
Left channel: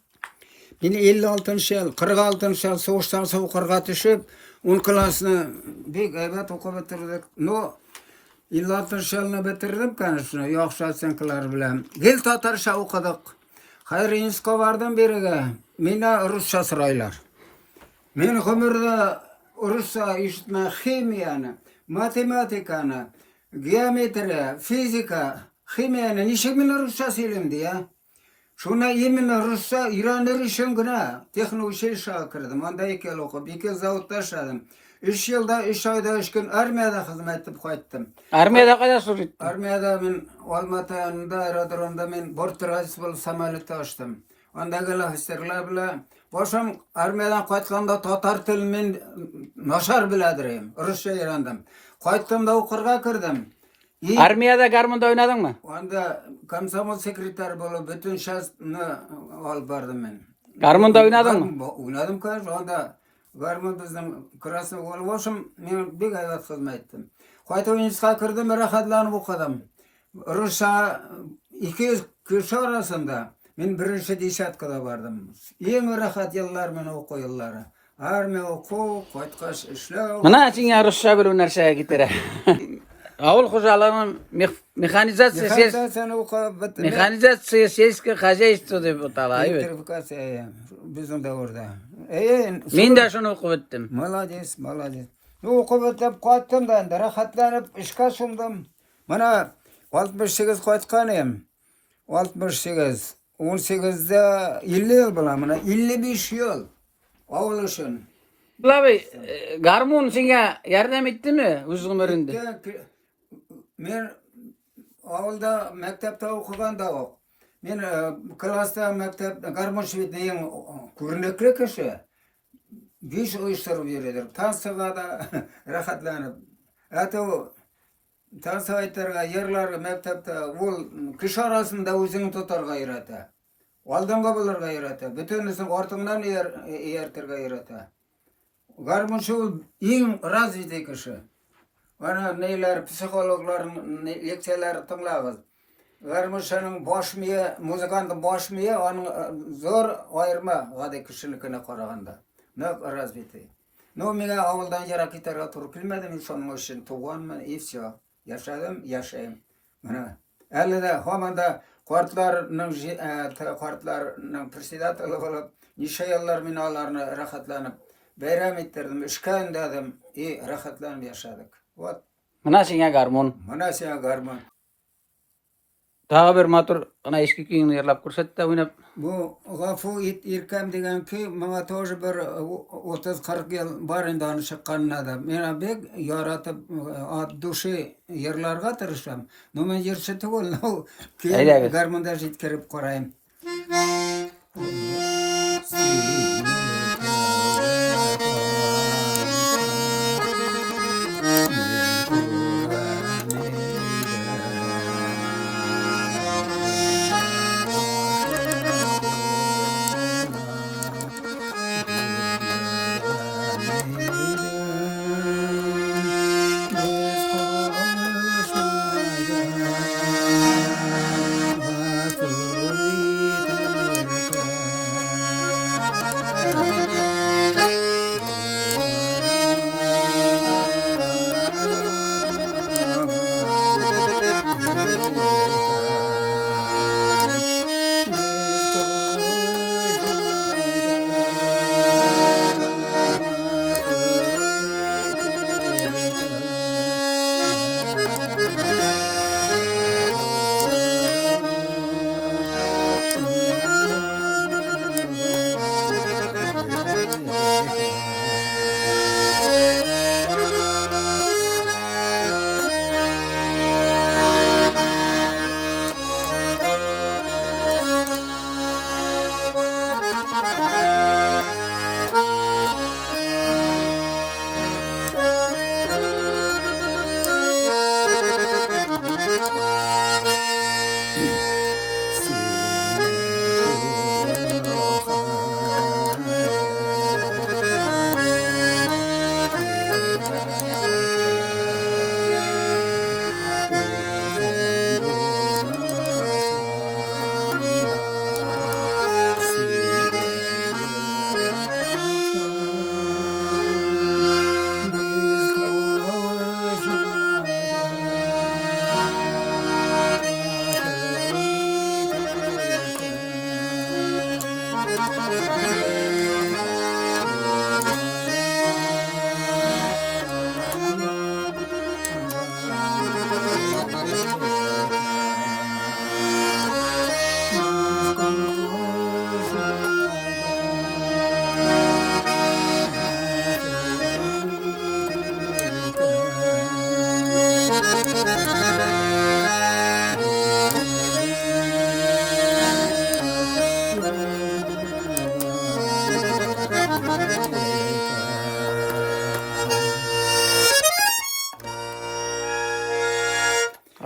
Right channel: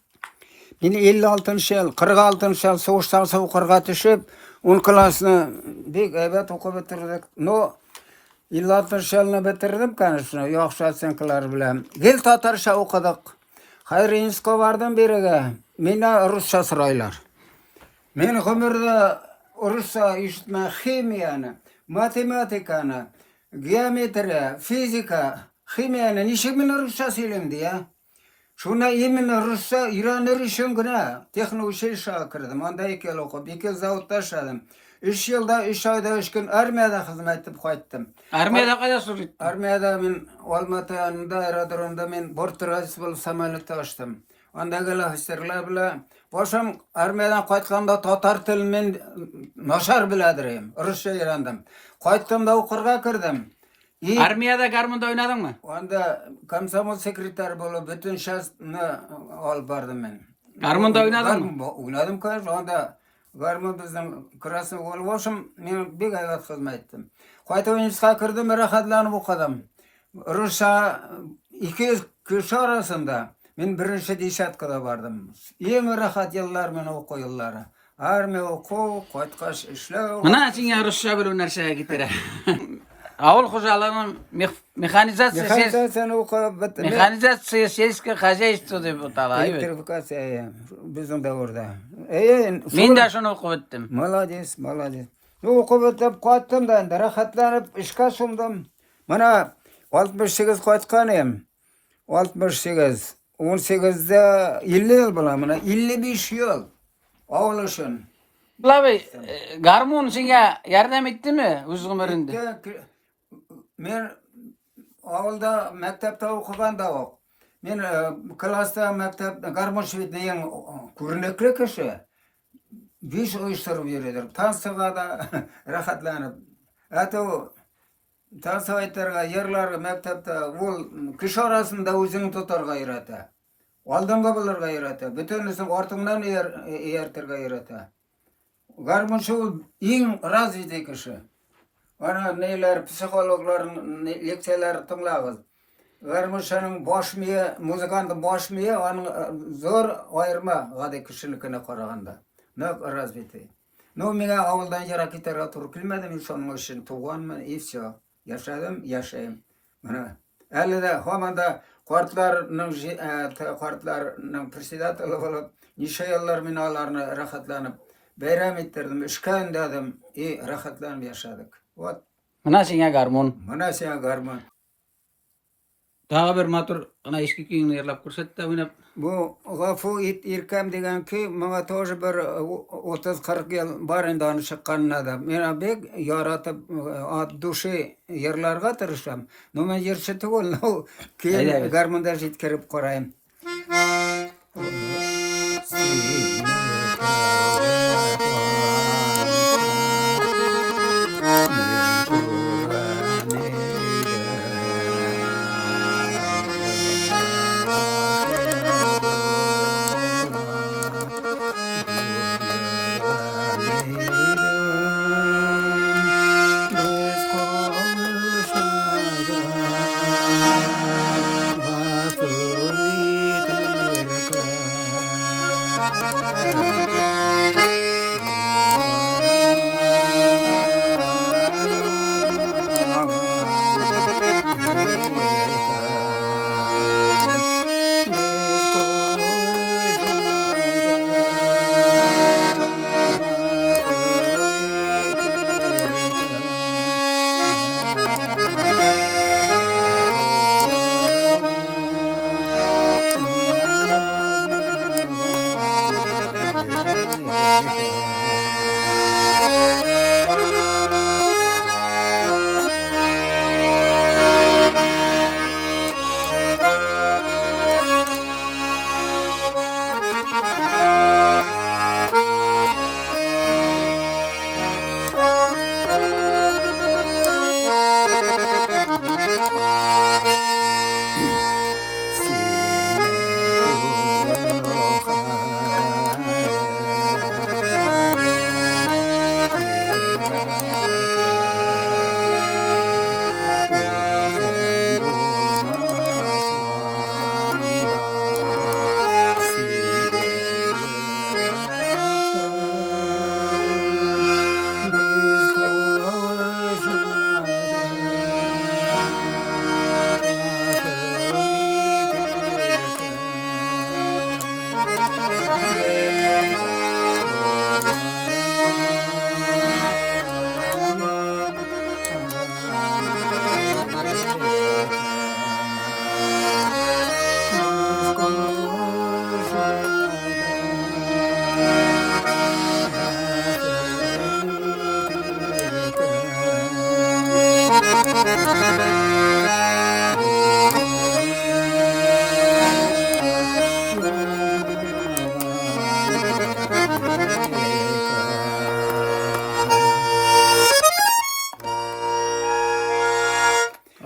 Men 56 yıl, 46 yıl soğuştan soğuqırga düşüp, 10 klasını bek evet okup bitirdik. No 56 yılını bitirdim kanısını, yoksa senkiler bilen. Gel Tatarşa okudık. Hayrinsko vardım birige. Mena Rusça sıraylar. Men ömürde Rusça işitme kimyana, matematikana, geometri, fizika, kimyana nişe men Rusça söylemdi ya. Şuna yemin Rusça İran'ı işim güne teknoloji şakırdım. Onda 2 yıl okudum, 2 zavutta yaşadım. 3 yılda 3 ayda 3 gün armiyada hizmet edip kayıttım. Armiyada kadar sürdün? Armiyada ben Almatı'nda aerodromda ben Bortrazbol samolyotı açtım. Onda gelen hislerler bile. Boşum armiyadan kayıtkanda Tatar tilimin naşar biledireyim. Rusça öğrendim. Kayıttım da okurga kirdim. Armiyada garmında oynadın mı? Onda komsomol sekreter bolup bütün şahsını alıp bardım ben. Garmında oynadın mı? Oynadım kardeş. Onda garmı bizim kırası olup olsun ben bir ayvat hizmet ettim. Kayıt oyuncuska kirdim, rahatlanıp okudım. Rusça 200 kişi arasında ben birinci deşatkada bardım. En rahat yıllar men oku yılları. Armiya oku, kayıtkaş işlev. Mana sen Rusça bir narsa gitire. Avul hocalarının mexanizatsiya siyasiyski hajaystvo deb ataladi. Elektrifikatsiya bizim davrda. Men de şunu okup bittim. Молодец, молодец. Okup bitip qaytdım da rahatlanıp işe sundum. Mana 68 qaytkanım. 68, 18'de 50 yıl bulam, mana 55 yıl. Ağlaşın. Abi garmon sana yardım etti mi öz ömründe? Men avulda mektepte okugan da ok. Men klasta mektep garmon şüvetneyen körnekli kişi. 5 oyuşturup yürüdür. Tansıga da rahatlanıp. Ato tansıvaytlarga yerler mektepte ol kişi arasında özünü tutarga yürüte. Aldınga bularga yürüte. Bütünüsün ortından yertirga yürüte. Garmon şu en razıydı kişi. Ana neyler psikologların leksiyalar tınlağız. Garmuşanın boş miye, muzikantın boş miye, onun zor ayırma gade kişilikine karaganda. Ne razviti. No mine avuldan yara kitara turup bilmedim insanın için tuğanman ifşa. Yaşadım, yaşayım. Elde hamanda kartlarının presidatlı olup nişe yıllar minalarını rahatlanıp bayram ettirdim, işkayın dedim, rahatlanıp yaşadık. Mana sana garmon. Mana sen garman. Daha bir matur ana eski kiyini yerlap kursat da oynap. Bu gafu irkam degan ki bana toz bir 30-40 yıl barından çıkanına da. Mena bek yaratıp duşu yerlerge tırışam. No men yerse tugul no ki garmanda jitkirip korayım.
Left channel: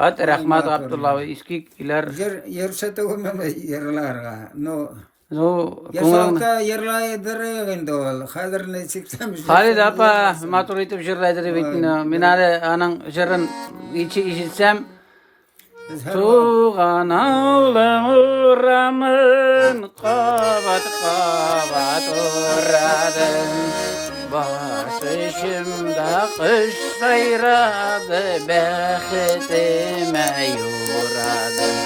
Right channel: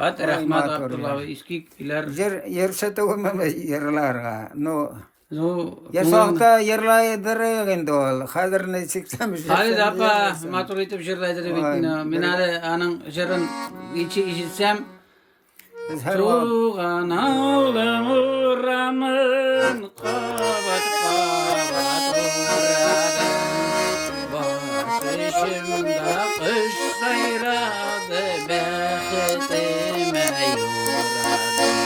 Hadi rahmat Abdullah iskik iler Yerşete koymama yerlarga. No. zo Yaşalta yerlaydır indi ol. Hadir ne çıksamış. Halid apa matur itip şirlaydır bitna. Minare anang şirın içi işitsem Tuğan ağlamıramın kabat kabat uğradım Başışımda kış sayradı Behtime yuradım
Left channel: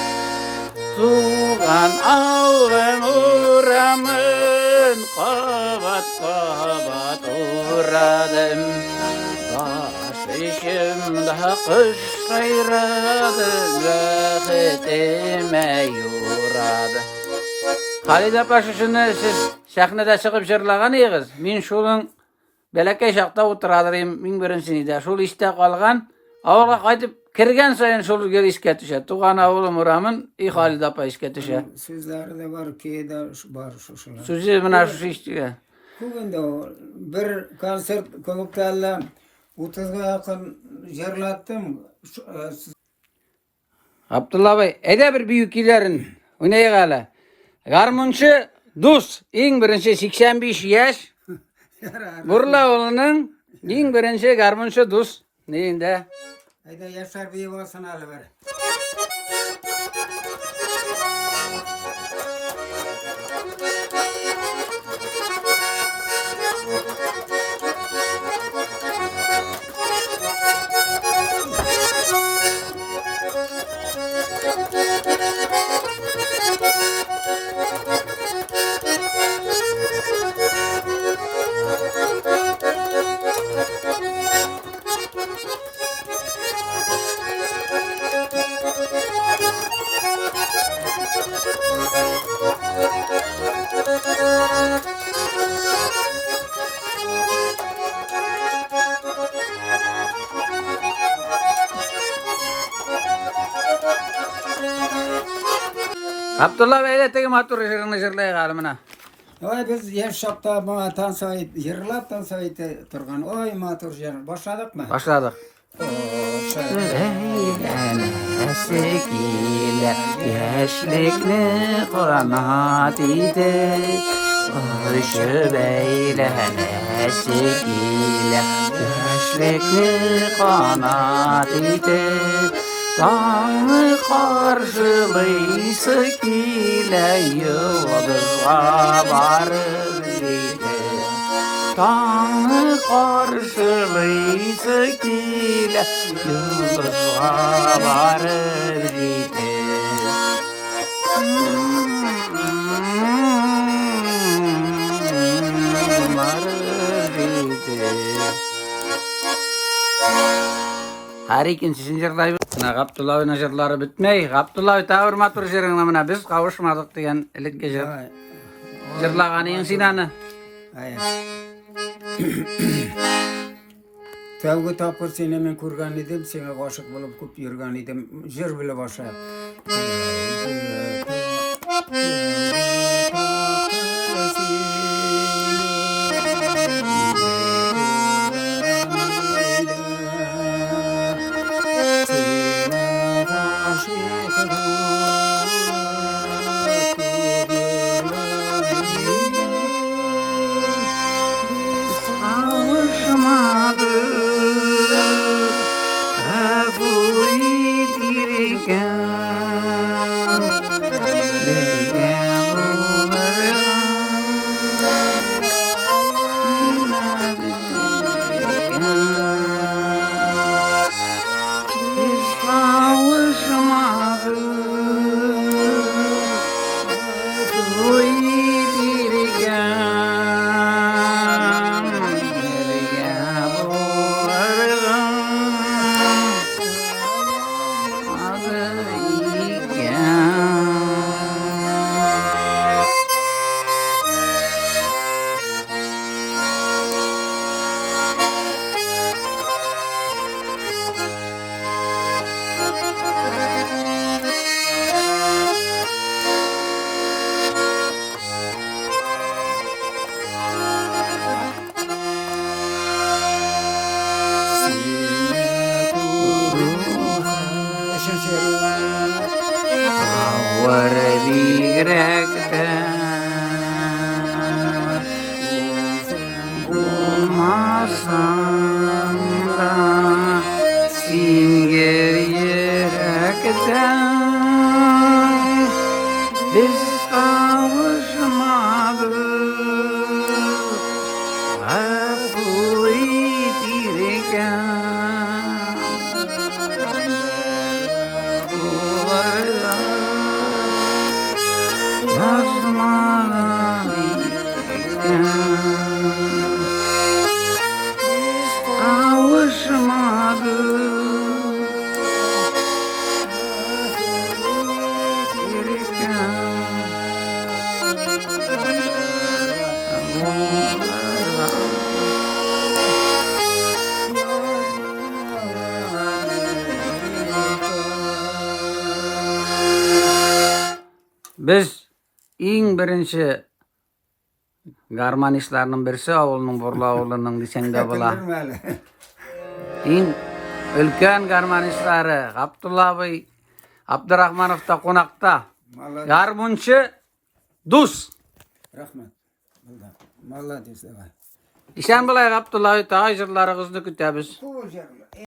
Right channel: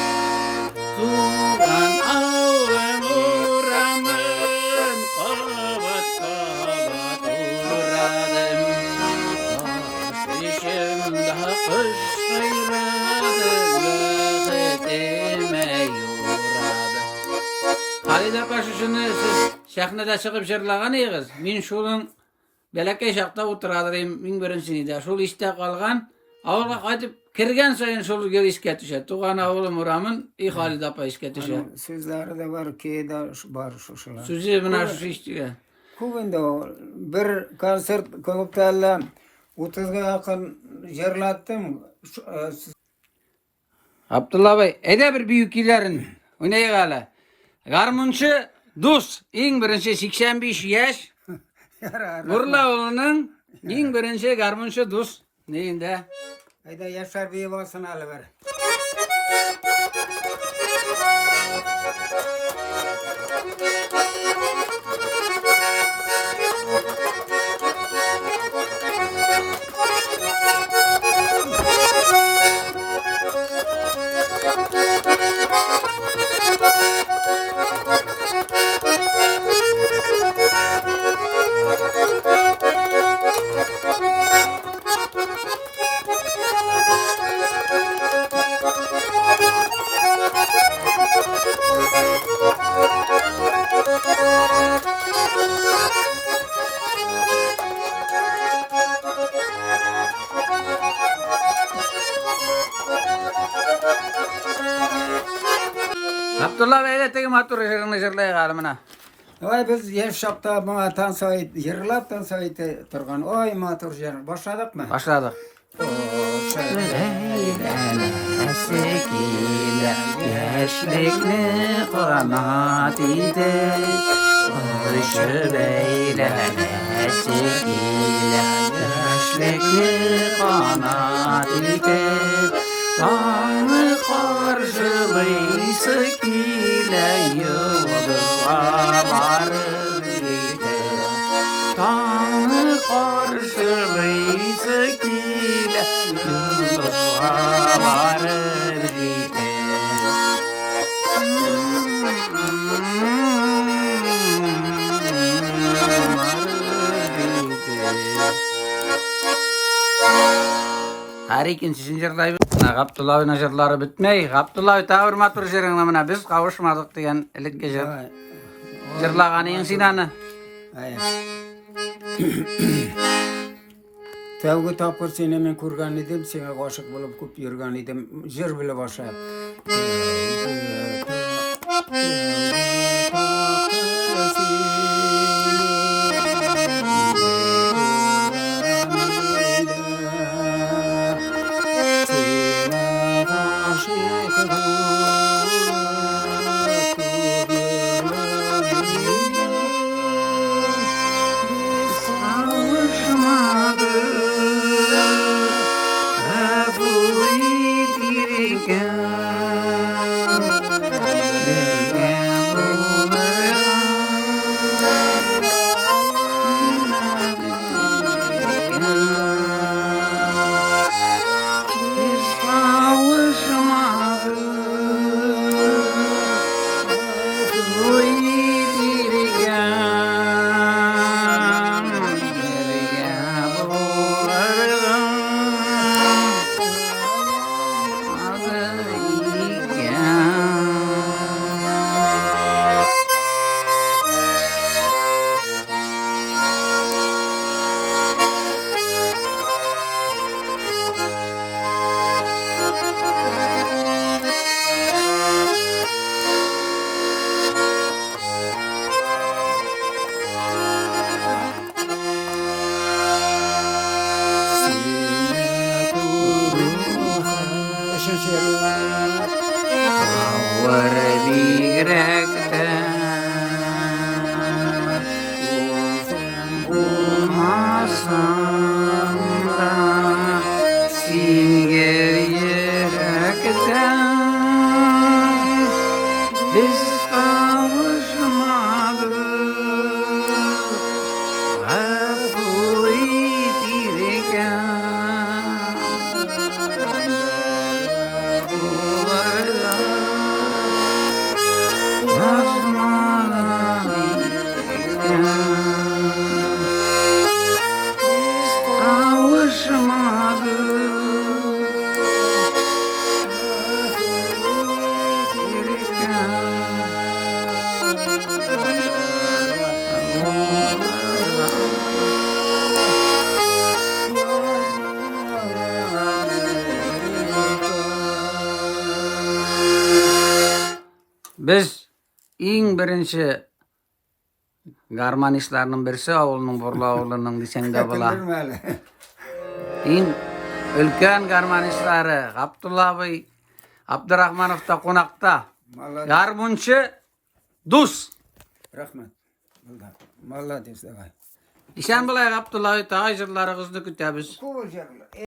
Tuğan ağlamıramın kabat kabat uğradım Başışımda kış sayradı Behtime yuradım Halid apa şunu siz sahnede çıkıp şırlagan ýygyz. Min şolun belekey şakta oturadyrym, min birinsini de şol işte kalgan, awalga qaytyp kirgen saýyn şol geri işke düşer. Tuğan awlum uramın, Halid apa işke düşer. Sizlerde de var ki da var şuşular. Süzi mına şu işçiye. Bugün bir konsert konup 30'ga yakın yerlattım. Abdullah Bey, ede bir büyüklerin, o neye gala? Garmunçu Dus, en birinci 85 yaş. Burla oğlunun en birinci garmunçu Dus. Neyinde? Hayda Yaşar diye basın alıver. Abdullah Bey de tegi matur şırlay galımına. Oy biz yaşapta bana tansayt, yerlap tansayt turgan. Oy matur yer. Başladık mı? Başladık. Eskiyle yaşlıklı kanat idi Arşı beylene eskiyle yaşlıklı kanat idi Tanrı karşılıysa ile yıldızla varır Yıldızga varır gide. Her ikinci jırlayı Abdullah'ın jırları bitmey. Abdullah ta hurmatır jırına biz kavuşmadık diyen ilik jır. Jırlağanın sinanı. Hayır. Tevgi tapır seni men kurgan idim, seni aşık bulup kup yürgen idim, jır bile başa. Biz kavuşmadık, hafı yitirken. Biz en birinci garmanistlarının birisi oğlunun Borlu oğlunun desende bola. En ülken garmanistları Abdullah Bey Abdurrahmanov'ta konakta. Garmunçu Dus. Rahmet. Mallah destek. İşen bulay Abdullah Bey ta jırları kızını kütəbiz.